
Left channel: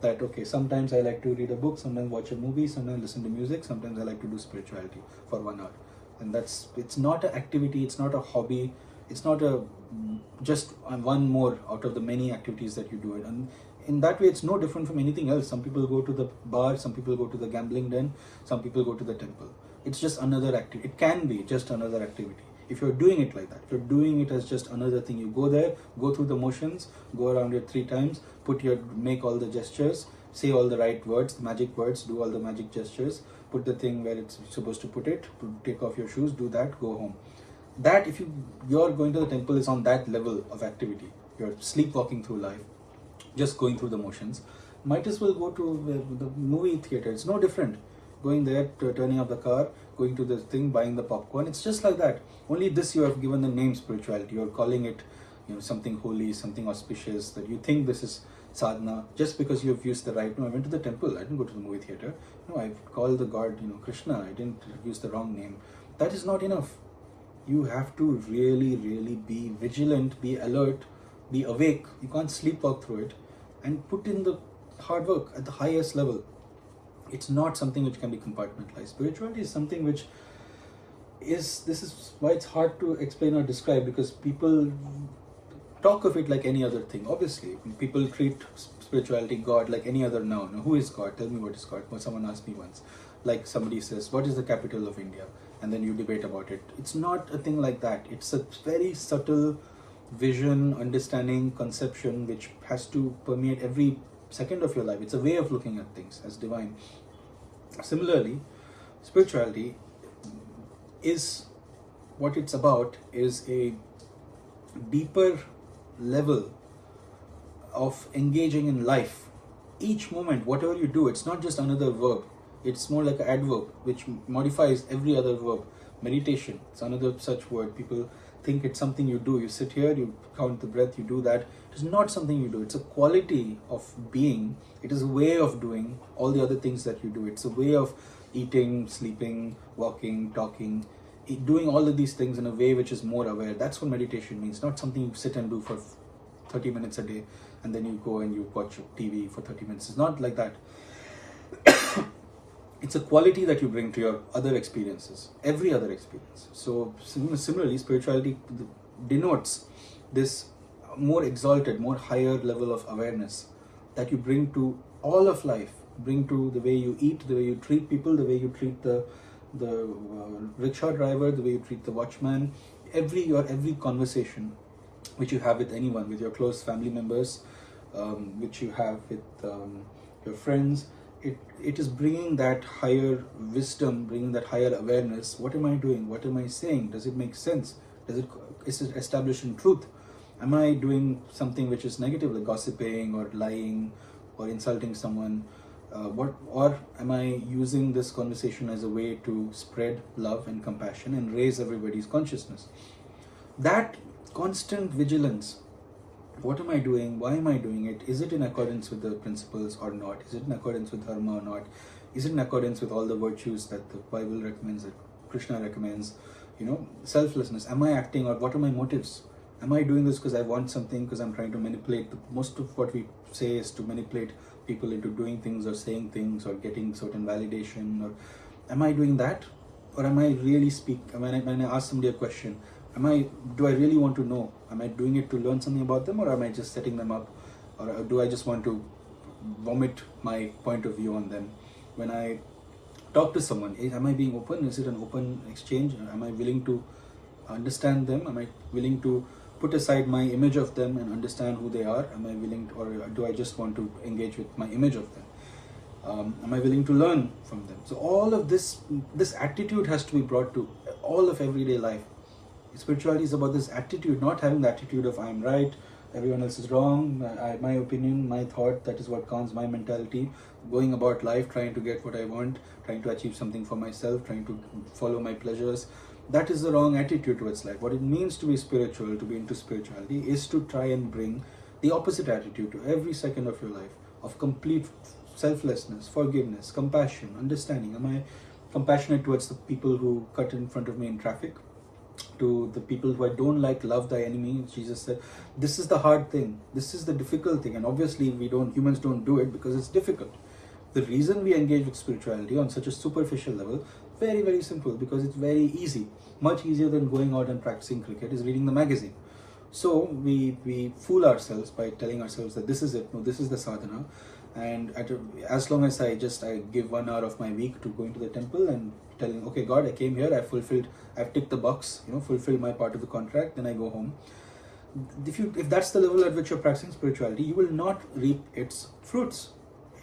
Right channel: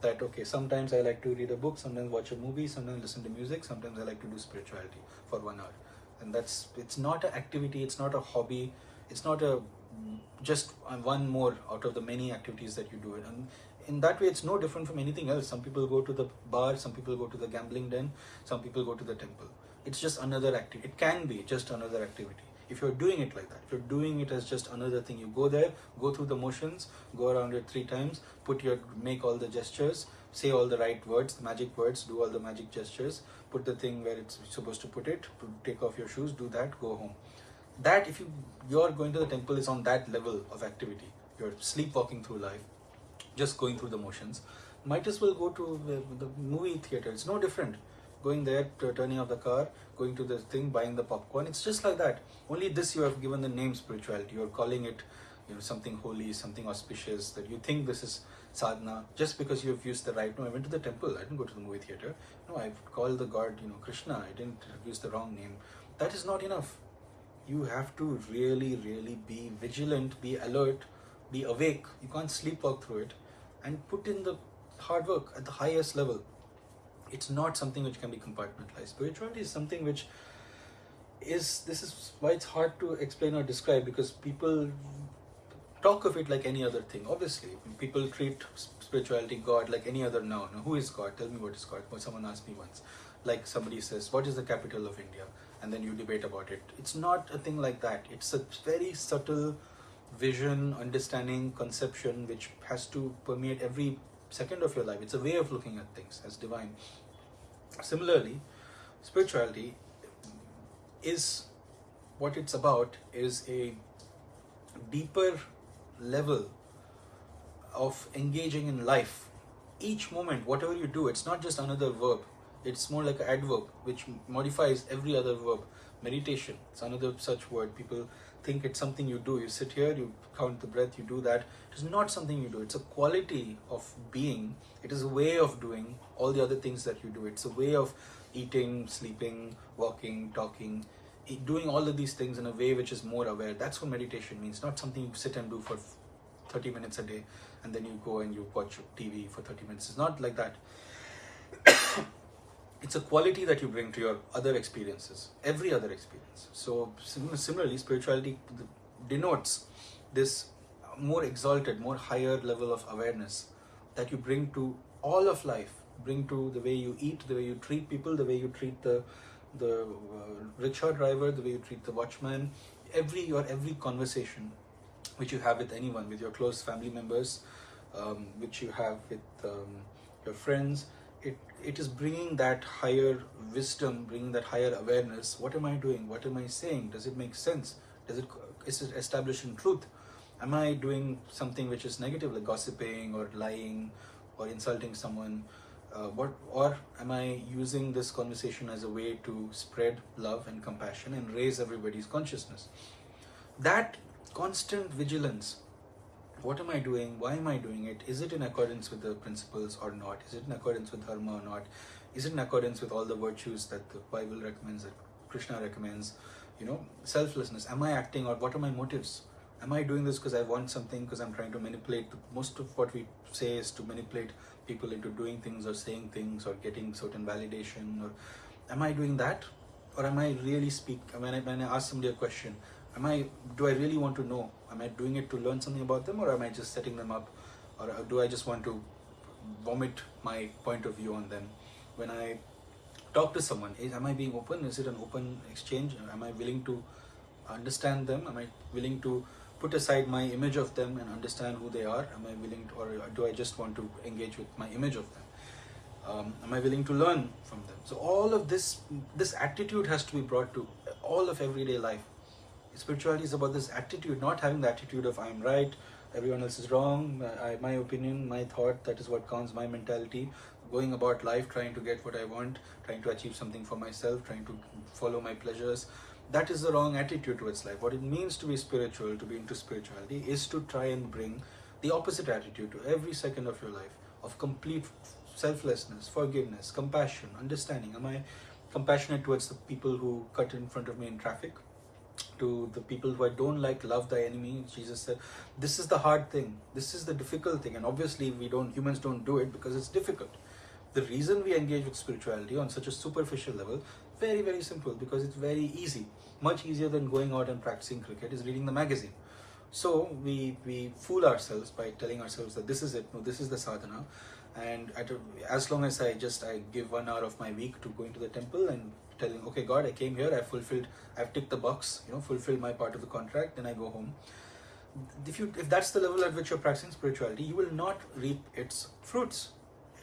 That, okay, sometimes I like to read a book, sometimes watch a movie, sometimes listen to music, sometimes I like to do spirituality for 1 hour. And it's not an activity, it's not a hobby, it's not just one more out of the many activities that you do. And in that way, it's no different from anything else. Some people go to the bar, some people go to the gambling den, some people go to the temple. It's just another activity. It can be just another activity. If you're doing it like that, if you're doing it as just another thing, you go there, go through the motions, go around it 3 times, make all the gestures, say all the right words, the magic words, do all the magic gestures, put the thing where it's supposed to put it, take off your shoes, do that, go home. That, if you're going to the temple, is on that level of activity. You're sleepwalking through life, just going through the motions. Might as well go to the movie theater. It's no different. Going there, turning off the car, going to the thing, buying the popcorn. It's just like that. Only this you have given the name spirituality. You're calling it, something holy, something auspicious, that you think this is sadhana, just because you have used the right. No, I went to the temple. I didn't go to the movie theater. No, I called the god, Krishna. I didn't use the wrong name. That is not enough. You have to really, really be vigilant, be alert, be awake. You can't sleepwalk through it, and put in the hard work at the highest level. It's not something which can be compartmentalized. Spirituality is something which this is why it's hard to explain or describe, because people talk of it like any other thing. Obviously, people treat spirituality, God, like any other noun. Now, who is God? Tell me what is God. Well, someone asked me once. Like somebody says, what is the capital of India? And then you debate about it. It's not a thing like that. It's a very subtle vision, understanding, conception, which has to permeate every second of your life. It's a way of looking at things as divine. Similarly, spirituality is what it's about, is a deeper level of engaging in life. Each moment, whatever you do, it's not just another verb. It's more like an adverb which modifies every other verb. Meditation, it's another such word. People think it's something you do. You sit here, you count the breath, you do that. It is not something you do. It's a quality of being. It is a way of doing all the other things that you do. It's a way of eating, sleeping, walking, talking, doing all of these things in a way which is more aware. That's what meditation means. Not something you sit and do for 30 minutes a day and then you go and you watch TV for 30 minutes. It's not like that. it's a quality that you bring to your other experiences, every other experience. So similarly, spirituality denotes this more exalted, more higher level of awareness that you bring to all of life, bring to the way you eat, the way you treat people, the way you treat the rickshaw driver, the way you treat the watchman, every conversation which you have with anyone, with your close family members, which you have with your friends. It is bringing that higher wisdom, bringing that higher awareness. What am I doing? What am I saying? Does it make sense? Is it establishing truth? Am I doing something which is negative, like gossiping or lying or insulting someone? Or am I using this conversation as a way to spread love and compassion and raise everybody's consciousness? That constant vigilance. What am I doing? Why am I doing it? Is it in accordance with the principles or not? Is it in accordance with Dharma or not? Is it in accordance with all the virtues that the Bible recommends, that Krishna recommends? Selflessness. Am I acting out? What are my motives? Am I doing this because I want something, because I'm trying to manipulate? Most of what we say is to manipulate people into doing things or saying things or getting certain validation. Or am I doing that? Or am I really when I ask somebody a question, do I really want to know? Am I doing it to learn something about them, or am I just setting them up? Or do I just want to vomit my point of view on them? When I talk to someone, am I being open? Is it an open exchange? Am I willing to understand them? Am I willing to put aside my image of them and understand who they are? Am I willing to, or do I just want to engage with my image of them? Am I willing to learn from them? So all of this attitude has to be brought to all of everyday life. Spirituality is about this attitude, not having the attitude of I'm right, everyone else is wrong, my opinion, my thought, that is what counts, my mentality, going about life trying to get what I want, trying to achieve something for myself, trying to follow my pleasures. That is the wrong attitude towards life. What it means to be spiritual, to be into spirituality, is to try and bring the opposite attitude to every second of your life, of complete selflessness, forgiveness, compassion, understanding. Am I compassionate towards the people who cut in front of me in traffic? To the people who I don't like, love thy enemy. Jesus said, this is the hard thing, this is the difficult thing, and obviously humans don't do it because it's difficult. The reason we engage with spirituality on such a superficial level, very, very simple, because it's very easy, much easier than going out and practicing cricket, is reading the magazine. So we fool ourselves by telling ourselves that this is it, no, this is the sadhana, and as long as I give 1 hour of my week to going to the temple and telling, okay God, I came here, I've ticked the box, fulfilled my part of the contract, then I go home. If that's the level at which you're practicing spirituality, you will not reap its fruits,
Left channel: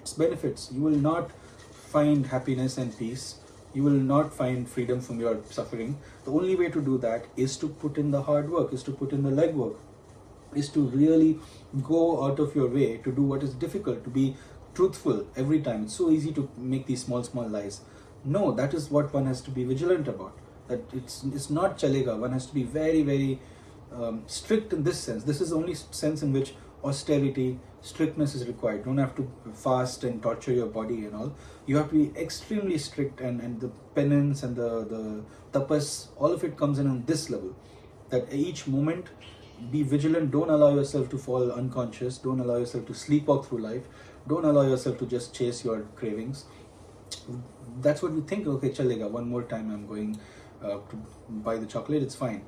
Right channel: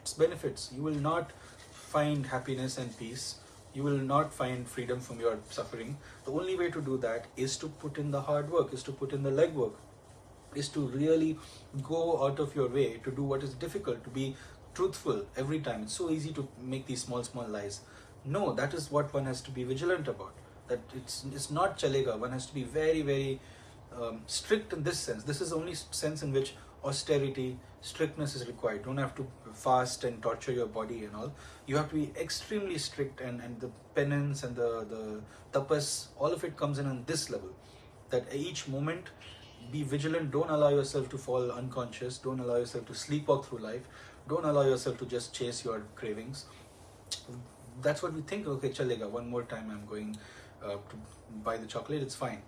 its benefits. You will not find happiness and peace. You will not find freedom from your suffering. The only way to do that is to put in the hard work, is to put in the legwork, is to really go out of your way to do what is difficult, to be truthful every time. It's so easy to make these small lies. No, that is what one has to be vigilant about. That it's not chalega. One has to be very, very strict in this sense. This is the only sense in which austerity, strictness is required. You don't have to fast and torture your body and all. You have to be extremely strict, and the penance and the tapas, all of it comes in on this level. That each moment, be vigilant. Don't allow yourself to fall unconscious. Don't allow yourself to sleepwalk through life. Don't allow yourself to just chase your cravings. That's what we think. Okay, chalega, one more time I'm going to buy the chocolate, it's fine.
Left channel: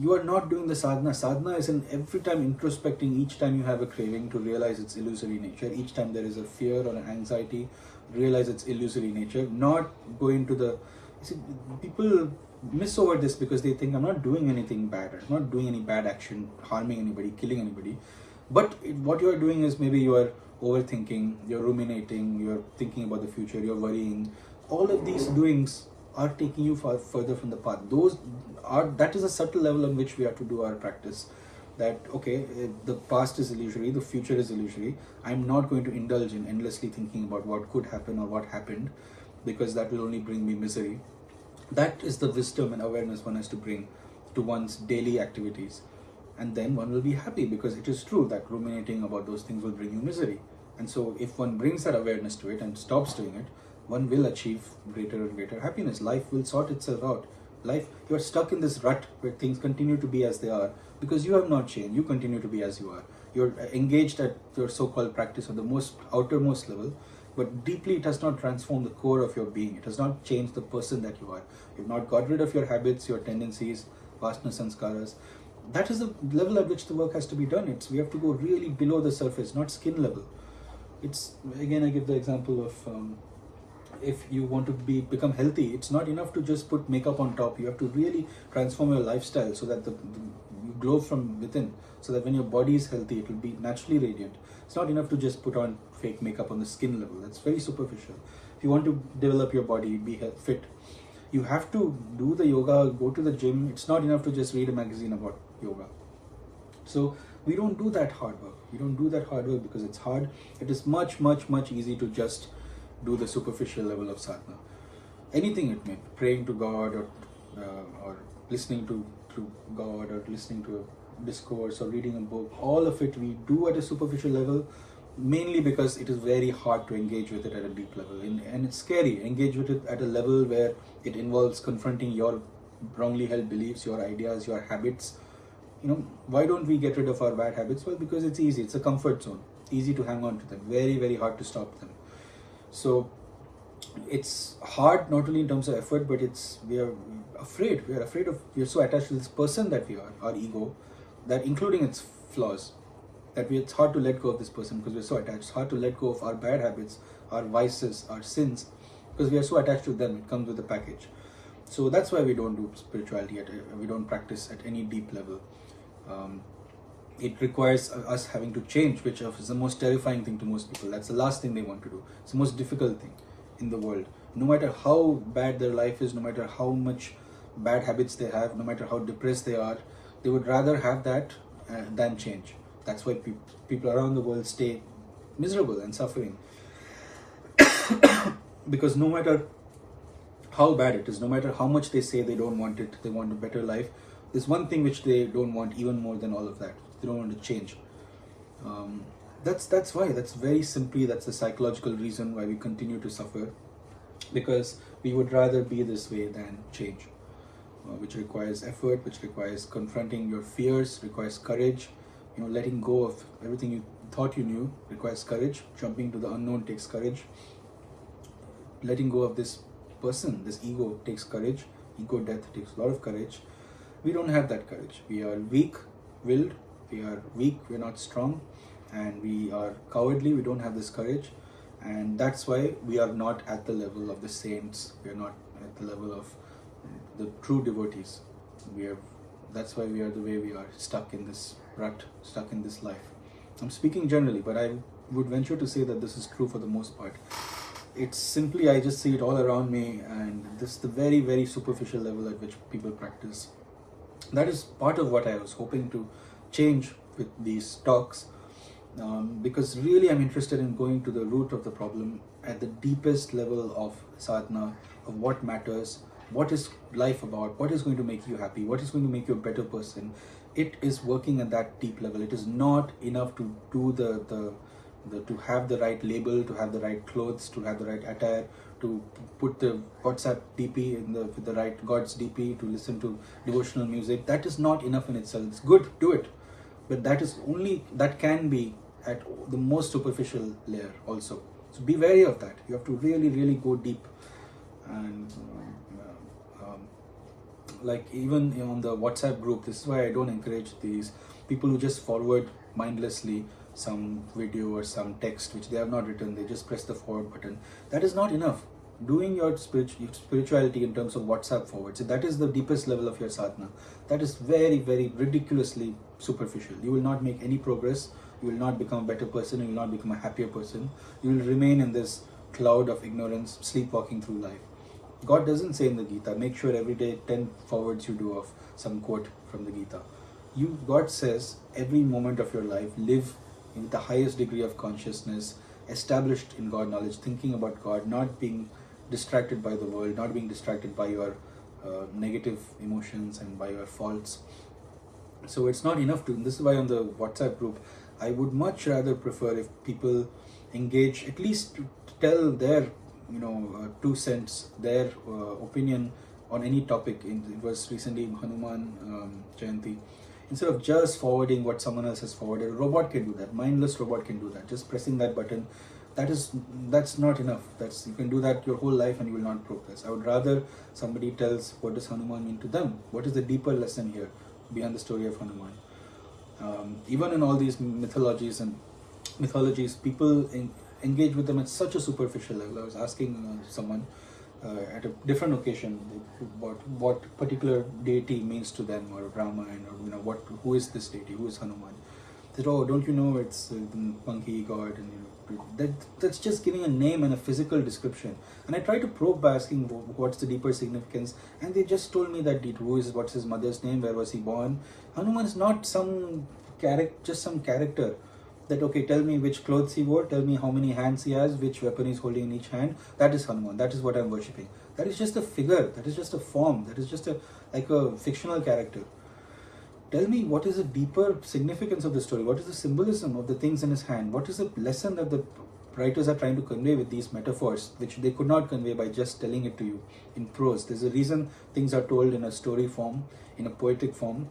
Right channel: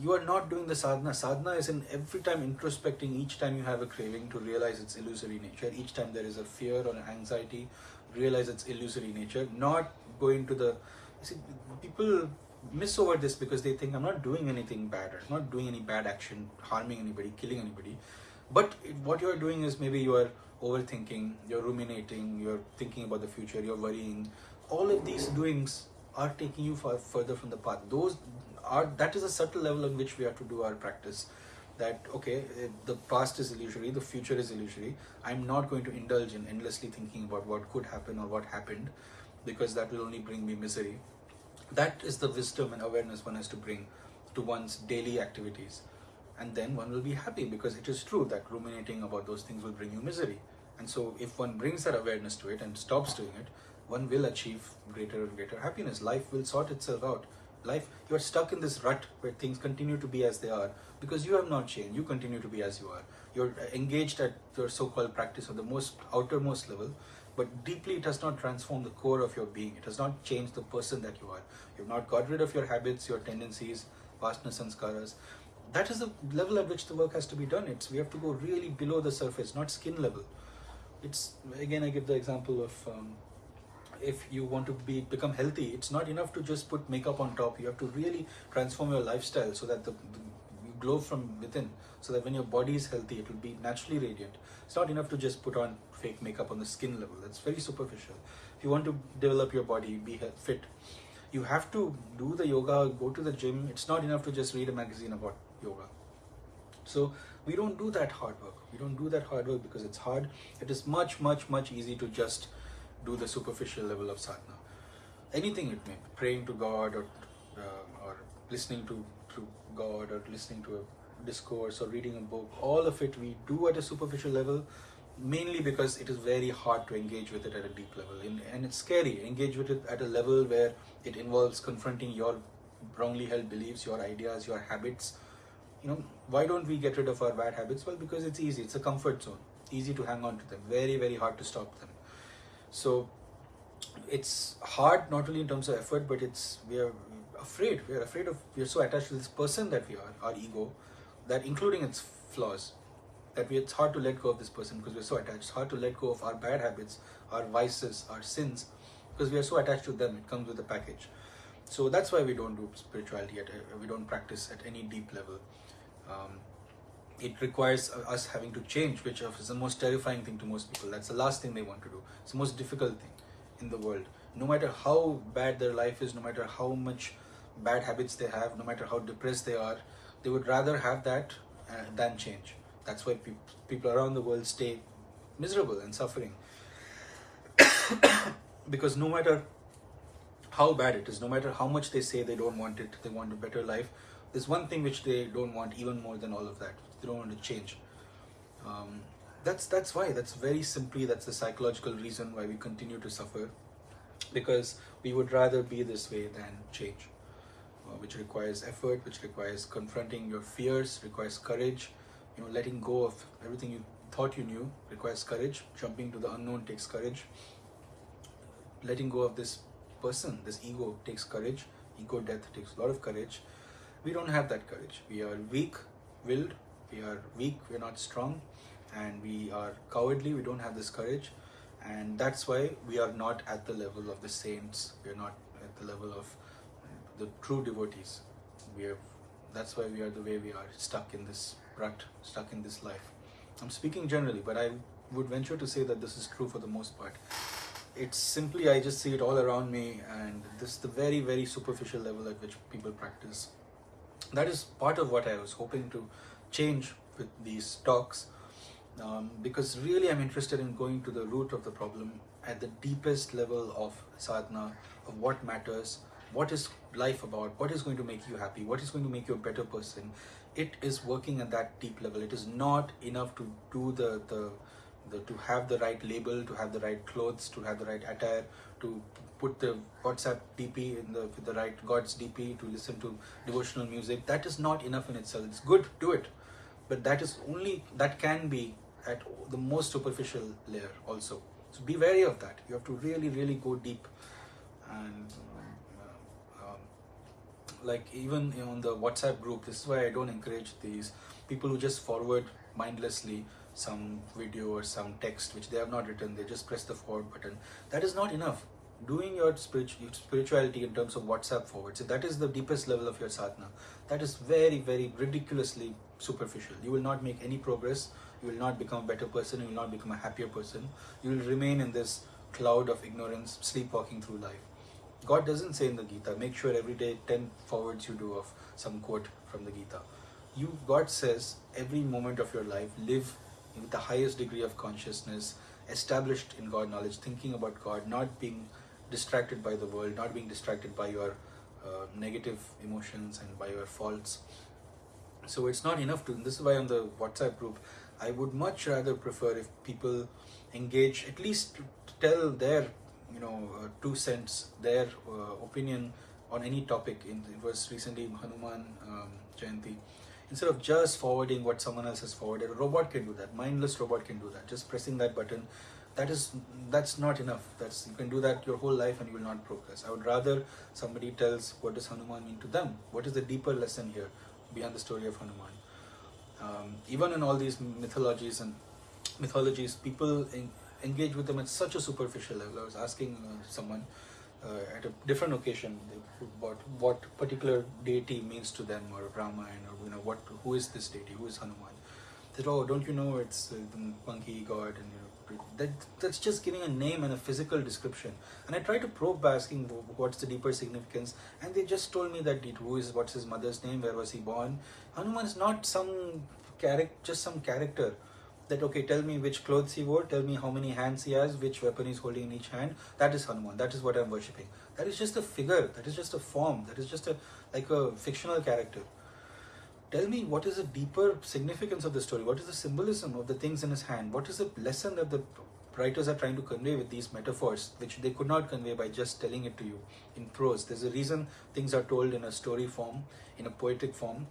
You are not doing the sadhana. Sadhana is in every time introspecting, each time you have a craving, to realize its illusory nature. Each time there is a fear or an anxiety, realize its illusory nature. Not going to the... See, people miss over this because they think I'm not doing anything bad. I'm not doing any bad action, harming anybody, killing anybody. But what you are doing is, maybe you are overthinking, you're ruminating, you're thinking about the future, you're worrying. All of these doings are taking you further from the path. That is a subtle level on which we have to do our practice. That, okay, the past is illusory, the future is illusory. I'm not going to indulge in endlessly thinking about what could happen or what happened, because that will only bring me misery. That is the wisdom and awareness one has to bring to one's daily activities. And then one will be happy, because it is true that ruminating about those things will bring you misery. And so if one brings that awareness to it and stops doing it, one will achieve greater and greater happiness. Life will sort itself out. Life, you're stuck in this rut where things continue to be as they are because you have not changed. You continue to be as you are. You're engaged at your so-called practice on the most outermost level, but deeply it has not transformed the core of your being. It has not changed the person that you are. You've not got rid of your habits, your tendencies, vasana sanskaras. That is the level at which the work has to be done. We have to go really below the surface, not skin level. It's, again, I give the example of if you want to become healthy, it's not enough to just put makeup on top. You have to really transform your lifestyle so that you glow from within, so that when your body is healthy, it will be naturally radiant. It's not enough to just put on fake makeup on the skin level. That's very superficial. If you want to develop your body, be fit, you have to do the yoga, go to the gym. It's not enough to just read a magazine about yoga. So we don't do that hard work. We don't do that hard work because it's hard. It is much, much, much easier to just do the superficial level of sadhana. Anything it may be, praying to God or listening to God or listening to a discourse or reading a book. All of it we do at a superficial level, mainly because it is very hard to engage with it at a deep level. And it's scary. Engage with it at a level where it involves confronting your wrongly held beliefs, your ideas, your habits. Why don't we get rid of our bad habits? Well, because it's easy. It's a comfort zone. Easy to hang on to them. Very, very hard to stop them. So it's hard not only in terms of effort, but we are afraid. We are so attached to this person that we are, our ego, that including its flaws, that it's hard to let go of this person because we're so attached. It's hard to let go of our bad habits, our vices, our sins, because we are so attached to them. It comes with a package. So that's why we don't do spirituality, we don't practice at any deep level. It requires us having to change, which is the most terrifying thing to most people. That's the last thing they want to do. It's the most difficult thing in the world. No matter how bad their life is, no matter how much bad habits they have, no matter how depressed they are, they would rather have that than change. That's why people around the world stay miserable and suffering. Because no matter how bad it is, no matter how much they say they don't want it, they want a better life, there's one thing which they don't want even more than all of that. They don't want to change. That's why. That's very simply, that's the psychological reason why we continue to suffer. Because we would rather be this way than change. Which requires effort, which requires confronting your fears, requires courage. Letting go of everything you thought you knew requires courage. Jumping to the unknown takes courage. Letting go of this person, this ego, takes courage. Ego death takes a lot of courage. We don't have that courage. We are weak-willed. We are weak. We're not strong, and we are cowardly. We don't have this courage, and that's why we are not at the level of the saints. We are not at the level of the true devotees. That's why we are the way we are, stuck in this rut, stuck in this life. I'm speaking generally, but I would venture to say that this is true for the most part. It's simply, I just see it all around me, and this is the very, very superficial level at which people practice. That is part of what I was hoping to change with these talks, because really I'm interested in going to the root of the problem at the deepest level of sadhana, of what matters, what is life about, what is going to make you happy, what is going to make you a better person. It is working at that deep level. It is not enough to do to have the right label, to have the right clothes, to have the right attire, to put the WhatsApp DP with the right God's DP, to listen to devotional music. That is not enough in itself. It's good, do it, but that can be at the most superficial layer also. So be wary of that. You have to really, really go deep. And like even on the WhatsApp group, this is why I don't encourage these people who just forward mindlessly some video or some text which they have not written. They just press the forward button. That is not enough. Doing your spirituality in terms of WhatsApp forwards, so that is the deepest level of your sadhana. That is very, very ridiculously superficial. You will not make any progress. You will not become a better person. You will not become a happier person. You will remain in this cloud of ignorance, sleepwalking through life. God doesn't say in the Gita, make sure every day 10 forwards you do of some quote from the Gita. God says every moment of your life, live in the highest degree of consciousness, established in God knowledge, thinking about God, not being distracted by the world, not being distracted by your negative emotions and by your faults. So it's not enough to, this is why on the WhatsApp group, I would much rather prefer if people engage, at least to tell their 2 cents, their opinion on any topic. It was recently Hanuman Jayanti. Instead of just forwarding what someone else has forwarded, a robot can do that. Mindless robot can do that. Just pressing that button, That's not enough. You can do that your whole life and you will not progress. I would rather somebody tells what does Hanuman mean to them. What is the deeper lesson here behind the story of Hanuman? Even in all these mythologies, people engage with them at such a superficial level. I was asking someone at a different occasion what particular deity means to them, or Brahma, or who is this deity, who is Hanuman. They said, oh, don't you know it's the monkey god, and that's just giving a name and a physical description. And I tried to probe by asking what's the deeper significance, and they just told me that what's his mother's name, where was he born. Hanuman is not some character. That, okay, tell me which clothes he wore, tell me how many hands he has, which weapon he's holding in each hand. That is Hanuman. That is what I'm worshipping. That is just a figure. That is just a form. That is just like a fictional character. Tell me what is the deeper significance of the story. What is the symbolism of the things in his hand? What is the lesson that the writers are trying to convey with these metaphors, which they could not convey by just telling it to you in prose. There's a reason things are told in a story form, in a poetic form,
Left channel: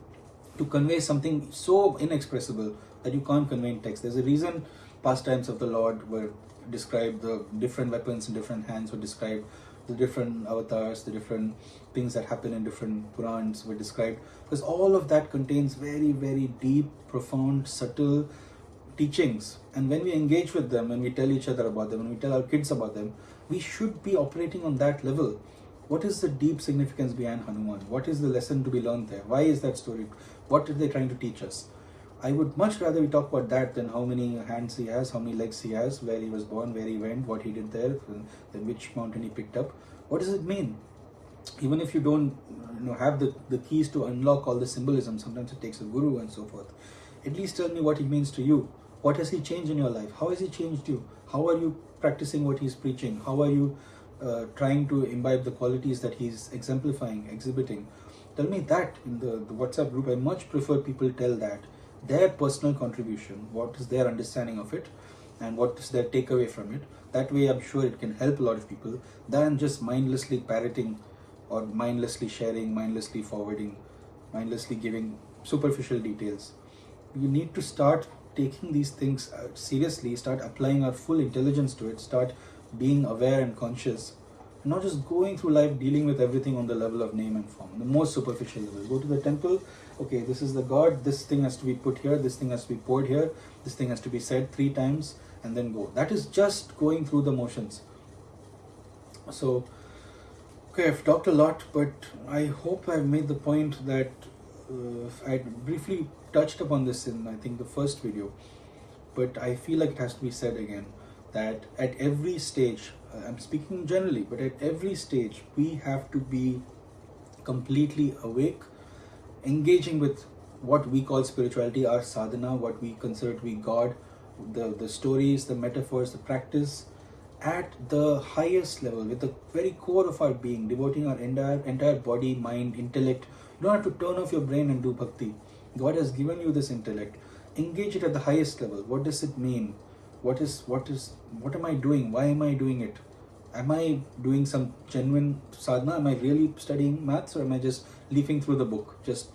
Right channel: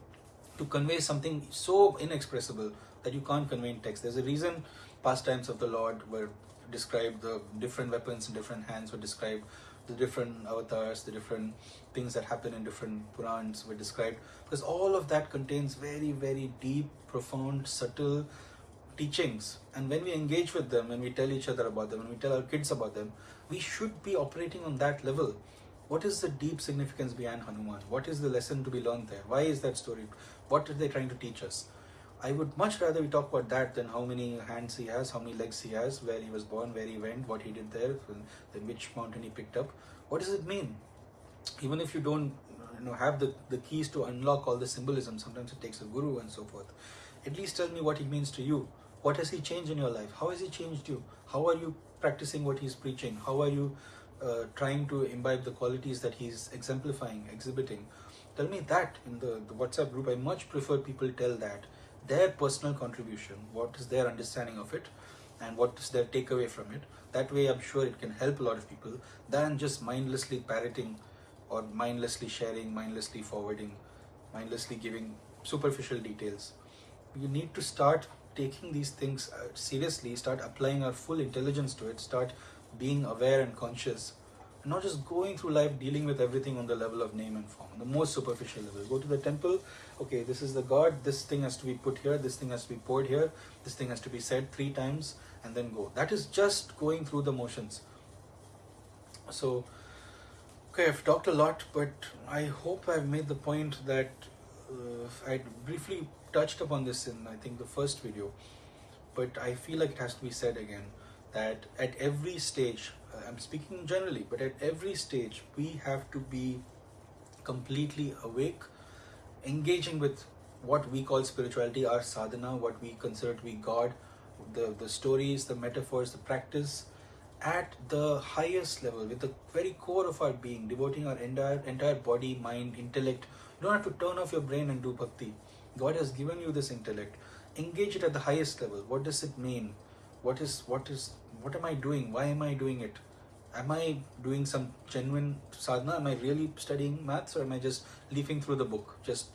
to convey something so inexpressible that you can't convey in text. There's a reason pastimes of the Lord were described, the different weapons in different hands were described, the different avatars, the different things that happen in different Purans were described, because all of that contains very, very deep, profound, subtle teachings. And when we engage with them, when we tell each other about them, when we tell our kids about them, we should be operating on that level. What is the deep significance behind Hanuman? What is the lesson to be learned there? Why is that story? What are they trying to teach us? I would much rather we talk about that than how many hands he has, how many legs he has, where he was born, where he went, what he did there, then which mountain he picked up. What does it mean? Even if you don't have the keys to unlock all the symbolism, sometimes it takes a guru and so forth. At least tell me what he means to you. What has he changed in your life? How has he changed you? How are you practicing what he's preaching? How are you trying to imbibe the qualities that he's exemplifying, exhibiting? Tell me that in the WhatsApp group. I much prefer people tell that. Their personal contribution, what is their understanding of it, and what is their takeaway from it. That way I'm sure it can help a lot of people, than just mindlessly parroting or mindlessly sharing, mindlessly forwarding, mindlessly giving superficial details. We need to start taking these things seriously, start applying our full intelligence to it, start being aware and conscious, and not just going through life dealing with everything on the level of name and form, on the most superficial level. Go to the temple, okay, this is the god, this thing has to be put here, this thing has to be poured here, this thing has to be said 3 times, and then go. That is just going through the motions. So, okay, I've talked a lot, but I hope I've made the point that I briefly touched upon this in, I think, the first video, but I feel like it has to be said again, that at every stage, I'm speaking generally, but at every stage, we have to be completely awake, engaging with what we call spirituality, our sadhana, what we consider to be God, the stories, the metaphors, the practice, at the highest level, with the very core of our being, devoting our entire body, mind, intellect. You don't have to turn off your brain and do bhakti. God has given you this intellect. Engage it at the highest level. What does it mean? What am I doing? Why am I doing it? Am I doing some genuine sadhana? Am I really studying maths, or am I just leafing through the book, just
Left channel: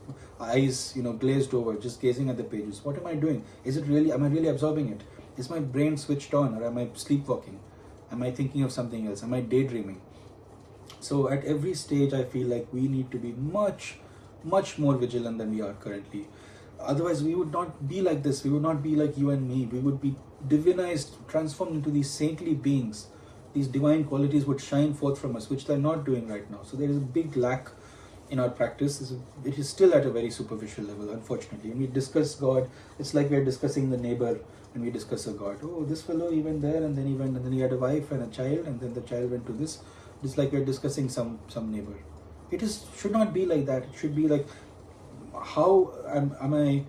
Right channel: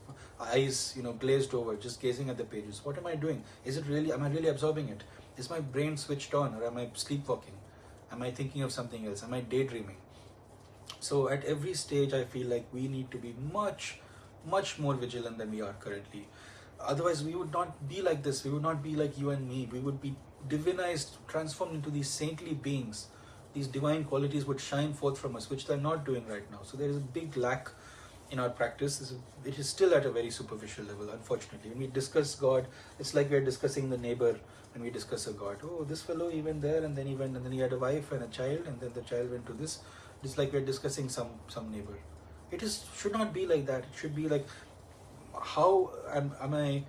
eyes, glazed over, just gazing at the pages? What am I doing? Am I really absorbing it? Is my brain switched on, or am I sleepwalking? Am I thinking of something else? Am I daydreaming? So at every stage, I feel like we need to be much, much more vigilant than we are currently. Otherwise, we would not be like this. We would not be like you and me. We would be divinized, transformed into these saintly beings. These divine qualities would shine forth from us, which they're not doing right now. So there is a big lack in our practice. It is still at a very superficial level, unfortunately. When we discuss God, it's like we're discussing the neighbor when we discuss a God. Oh, this fellow, he went there, and then he went, and then he had a wife and a child, and then the child went to this. It's like we're discussing some neighbor. Should not be like that. It should be like, how am I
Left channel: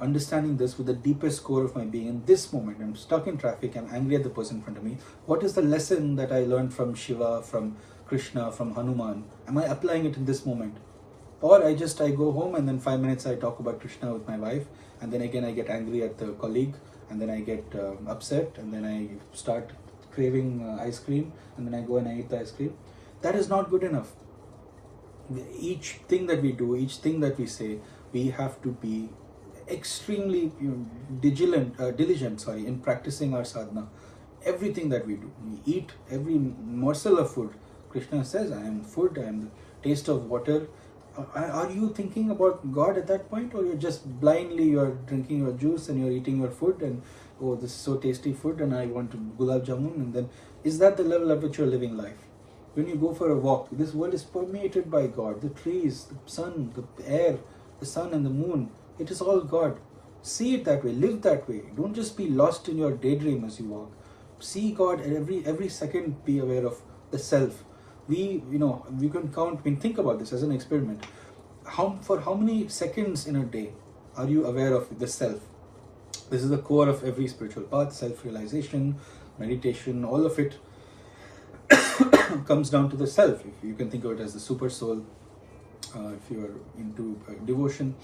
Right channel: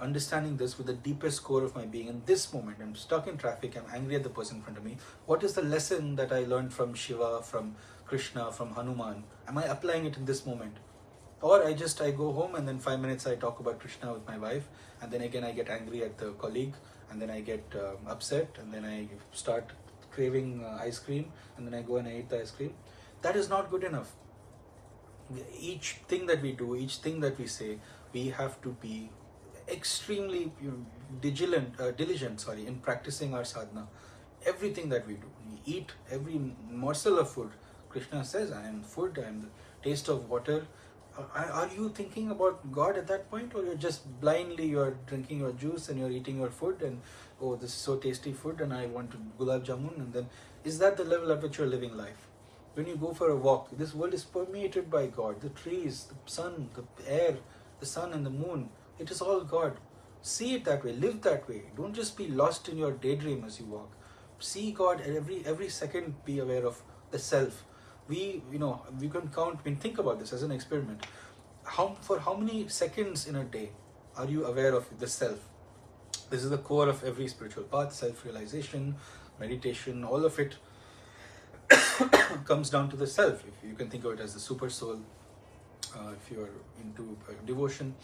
understanding this with the deepest core of my being? In this moment, I'm stuck in traffic, I'm angry at the person in front of me. What is the lesson that I learned from Shiva, from Krishna, from Hanuman? Am I applying it in this moment? Or I go home, and then 5 minutes I talk about Krishna with my wife, and then again I get angry at the colleague, and then I get upset, and then I start craving ice cream, and then I go and I eat the ice cream. That is not good enough. Each thing that we do, each thing that we say, we have to be extremely diligent in practicing our sadhana, everything that we do. We eat every morsel of food. Krishna says, I am food, I am the taste of water. Are you thinking about God at that point, or you're just blindly, you're drinking your juice and you're eating your food and, oh, this is so tasty food and I want to gulab jamun, and then is that the level at which you're living life? When you go for a walk, this world is permeated by God. The trees, the sun, the air, the sun and the moon, it is all God. See it that way, live that way. Don't just be lost in your daydream as you walk. See God every second, be aware of the self. We can count, think about this as an experiment. For how many seconds in a day are you aware of the self? This is the core of every spiritual path, self-realization, meditation, all of it comes down to the self. If you can think of it as the super soul, if you are into devotion.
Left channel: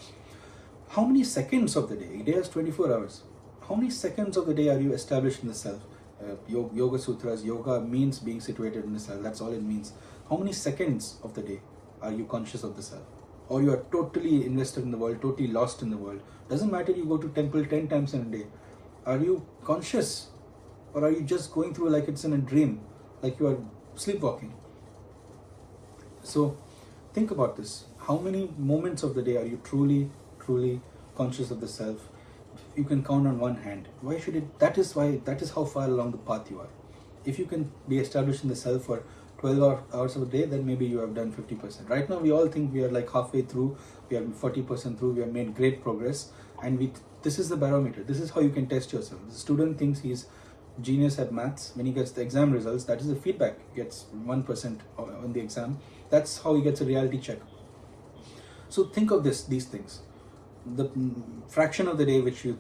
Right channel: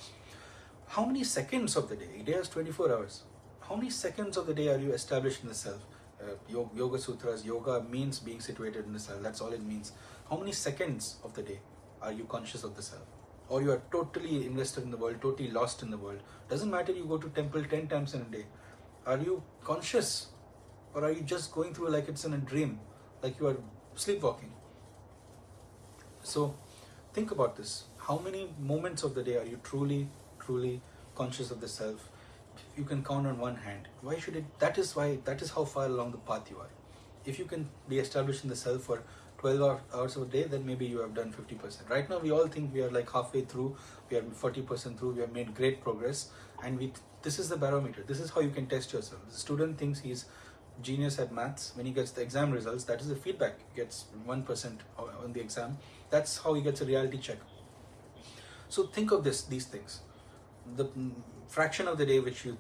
How many seconds of the day? A day has 24 hours. How many seconds of the day are you established in the self? Yoga Sutras, yoga means being situated in the self. That's all it means. How many seconds of the day are you conscious of the self? Or you are totally invested in the world, totally lost in the world? Doesn't matter you go to temple 10 times in a day. Are you conscious? Or are you just going through like it's in a dream? Like you are sleepwalking? So think about this. How many moments of the day are you truly conscious of the self? You can count on one hand. Why should it? That is how far along the path you are. If you can be established in the self for 12 hours of a day, then maybe you have done 50%. Right now we all think we are like halfway through, we are 40% through, we have made great progress, and this is the barometer. This is how you can test yourself. The student thinks he's genius at maths. When he gets the exam results, that is the feedback. He gets 1% on the exam. That's how he gets a reality check. So think of these things. The fraction of the day which you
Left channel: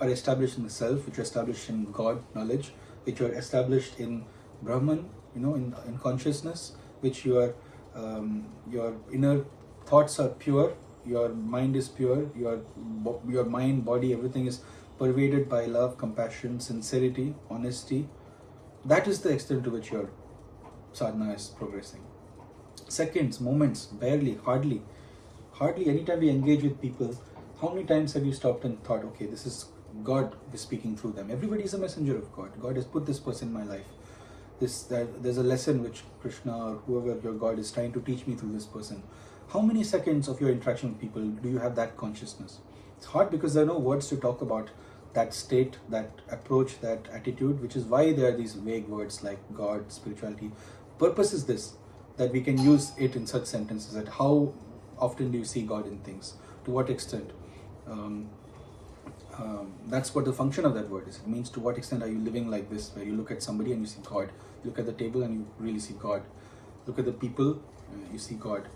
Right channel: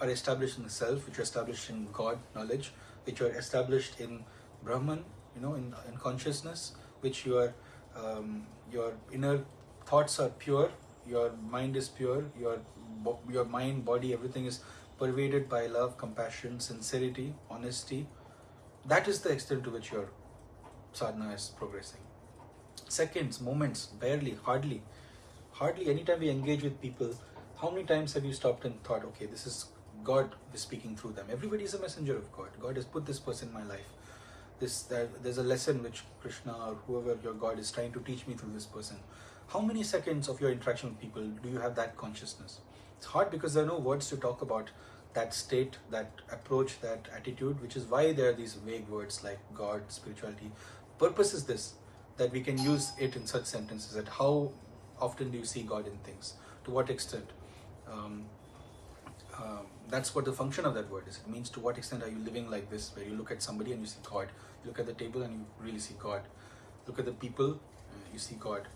are established in the self, which are established in God knowledge, which are established in Brahman, in consciousness, which your inner thoughts are pure, your mind is pure, your mind, body, everything is pervaded by love, compassion, sincerity, honesty. That is the extent to which your sadhana is progressing. Seconds, moments, barely, hardly. Anytime we engage with people, how many times have you stopped and thought, okay, this is God is speaking through them. Everybody is a messenger of God. God has put this person in my life. There's a lesson which Krishna or whoever your God is trying to teach me through this person. How many seconds of your interaction with people do you have that consciousness? It's hard because there are no words to talk about that state, that approach, that attitude, which is why there are these vague words like God, spirituality. Purpose is this, that we can use it in such sentences, that how often do you see God in things? To what extent? That's what the function of that word is. It means to what extent are you living like this, where you look at somebody and you see God. You look at the table and you really see God. Look at the people, you see God.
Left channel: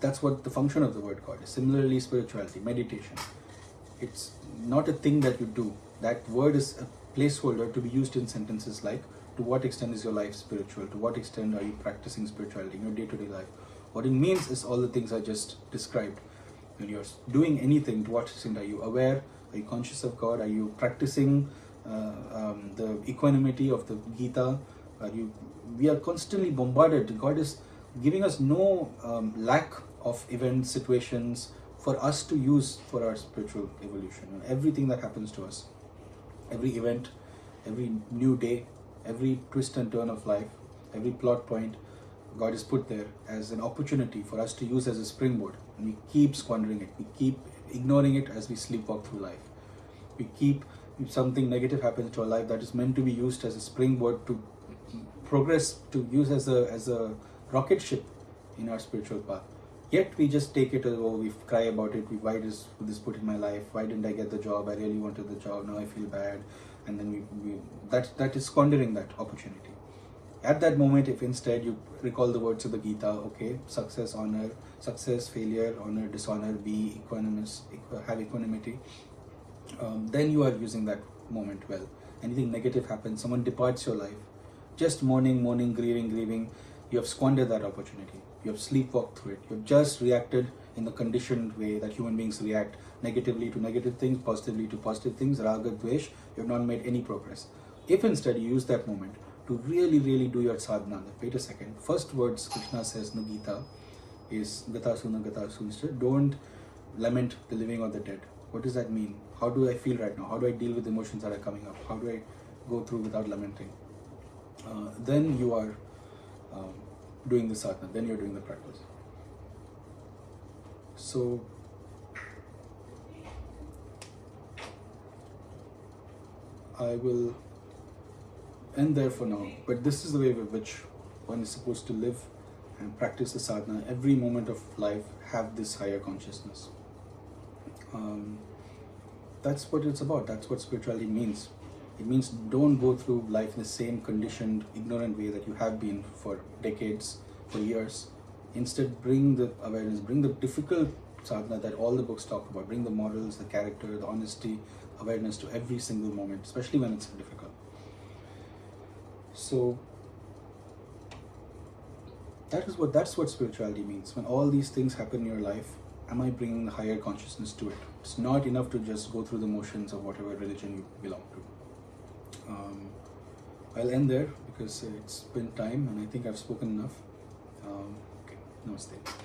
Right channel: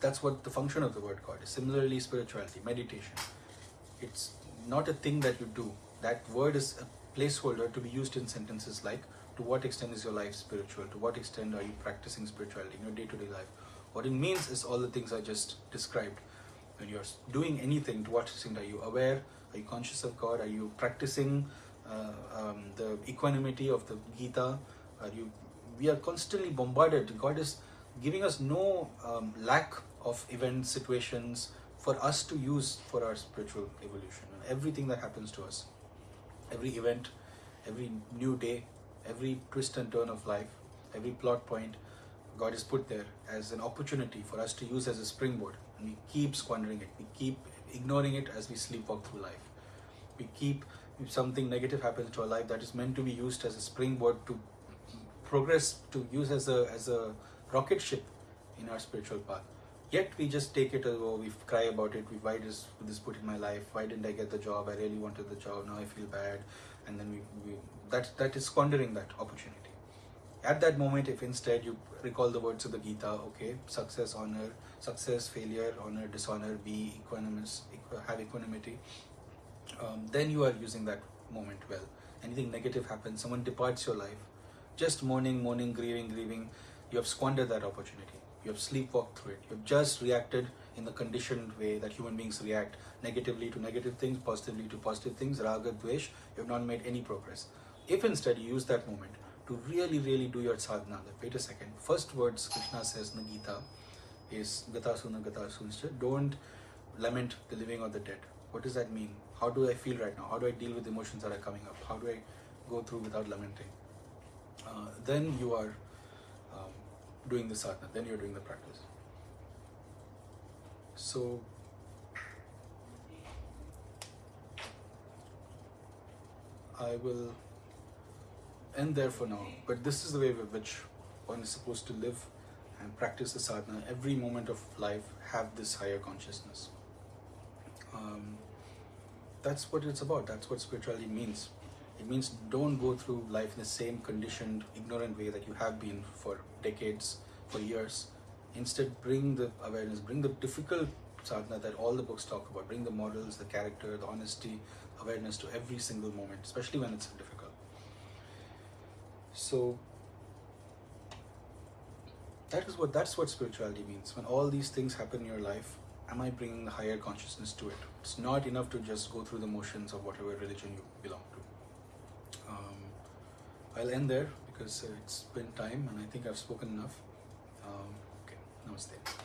That's what the function of the word God is. Similarly, spirituality, meditation. It's not a thing that you do. That word is a placeholder to be used in sentences like, to what extent is your life spiritual? To what extent are you practicing spirituality in your day-to-day life? What it means is all the things I just described. When you're doing anything, to what extent are you aware? Are you conscious of God? Are you practicing the equanimity of the Gita? We are constantly bombarded. God is giving us no lack of events, situations for us to use for our spiritual evolution. Everything that happens to us, every event, every new day, every twist and turn of life, every plot point, God has put there as an opportunity for us to use as a springboard. And we keep squandering it. We keep ignoring it as we sleepwalk through life. If something negative happens to our life, that is meant to be used as a springboard to progress, to use as a rocket ship in our spiritual path. Yet we just take it as, oh, we cry about it. Why is this put in my life? Why didn't I get the job? I really wanted the job. Now I feel bad. And then that is squandering that opportunity. At that moment, if instead you recall the words of the Gita, okay, success, honor, success, failure, honor, dishonor, be equanimous, have equanimity, then you are using that moment well. Anything negative happens, someone departs your life, just mourning, grieving, you have squandered that opportunity. You have sleepwalked through it. You have just reacted in the conditioned way that human beings react, negatively to negative things, positively to positive things, raga, dvesh. You have not made any progress. If instead you use that moment to really do your sadhana, like, wait a second, first words Krishna says in the Gita is gata suna, don't lament the living or the dead. What does that mean? How do I feel right now? How do I deal with emotions that are coming up? How do I go through without lamenting, then you are doing the sadhana, then you're doing the practice. So I will end there for now, but this is the way with which one is supposed to live and practice the sadhana. Every moment of life have this higher consciousness. That's what it's about. That's what spirituality means. It means don't go through life in the same conditioned, ignorant way that you have been for decades, for years. Instead, bring the awareness, bring the difficult sadhana that all the books talk about. Bring the morals, the character, the honesty, awareness to every single moment, especially when it's difficult. So that's what spirituality means. When all these things happen in your life, am I bringing higher consciousness to it? It's not enough to just go through the motions of whatever religion you belong to. I'll end there because it's been time and I think I've spoken enough. Okay, namaste.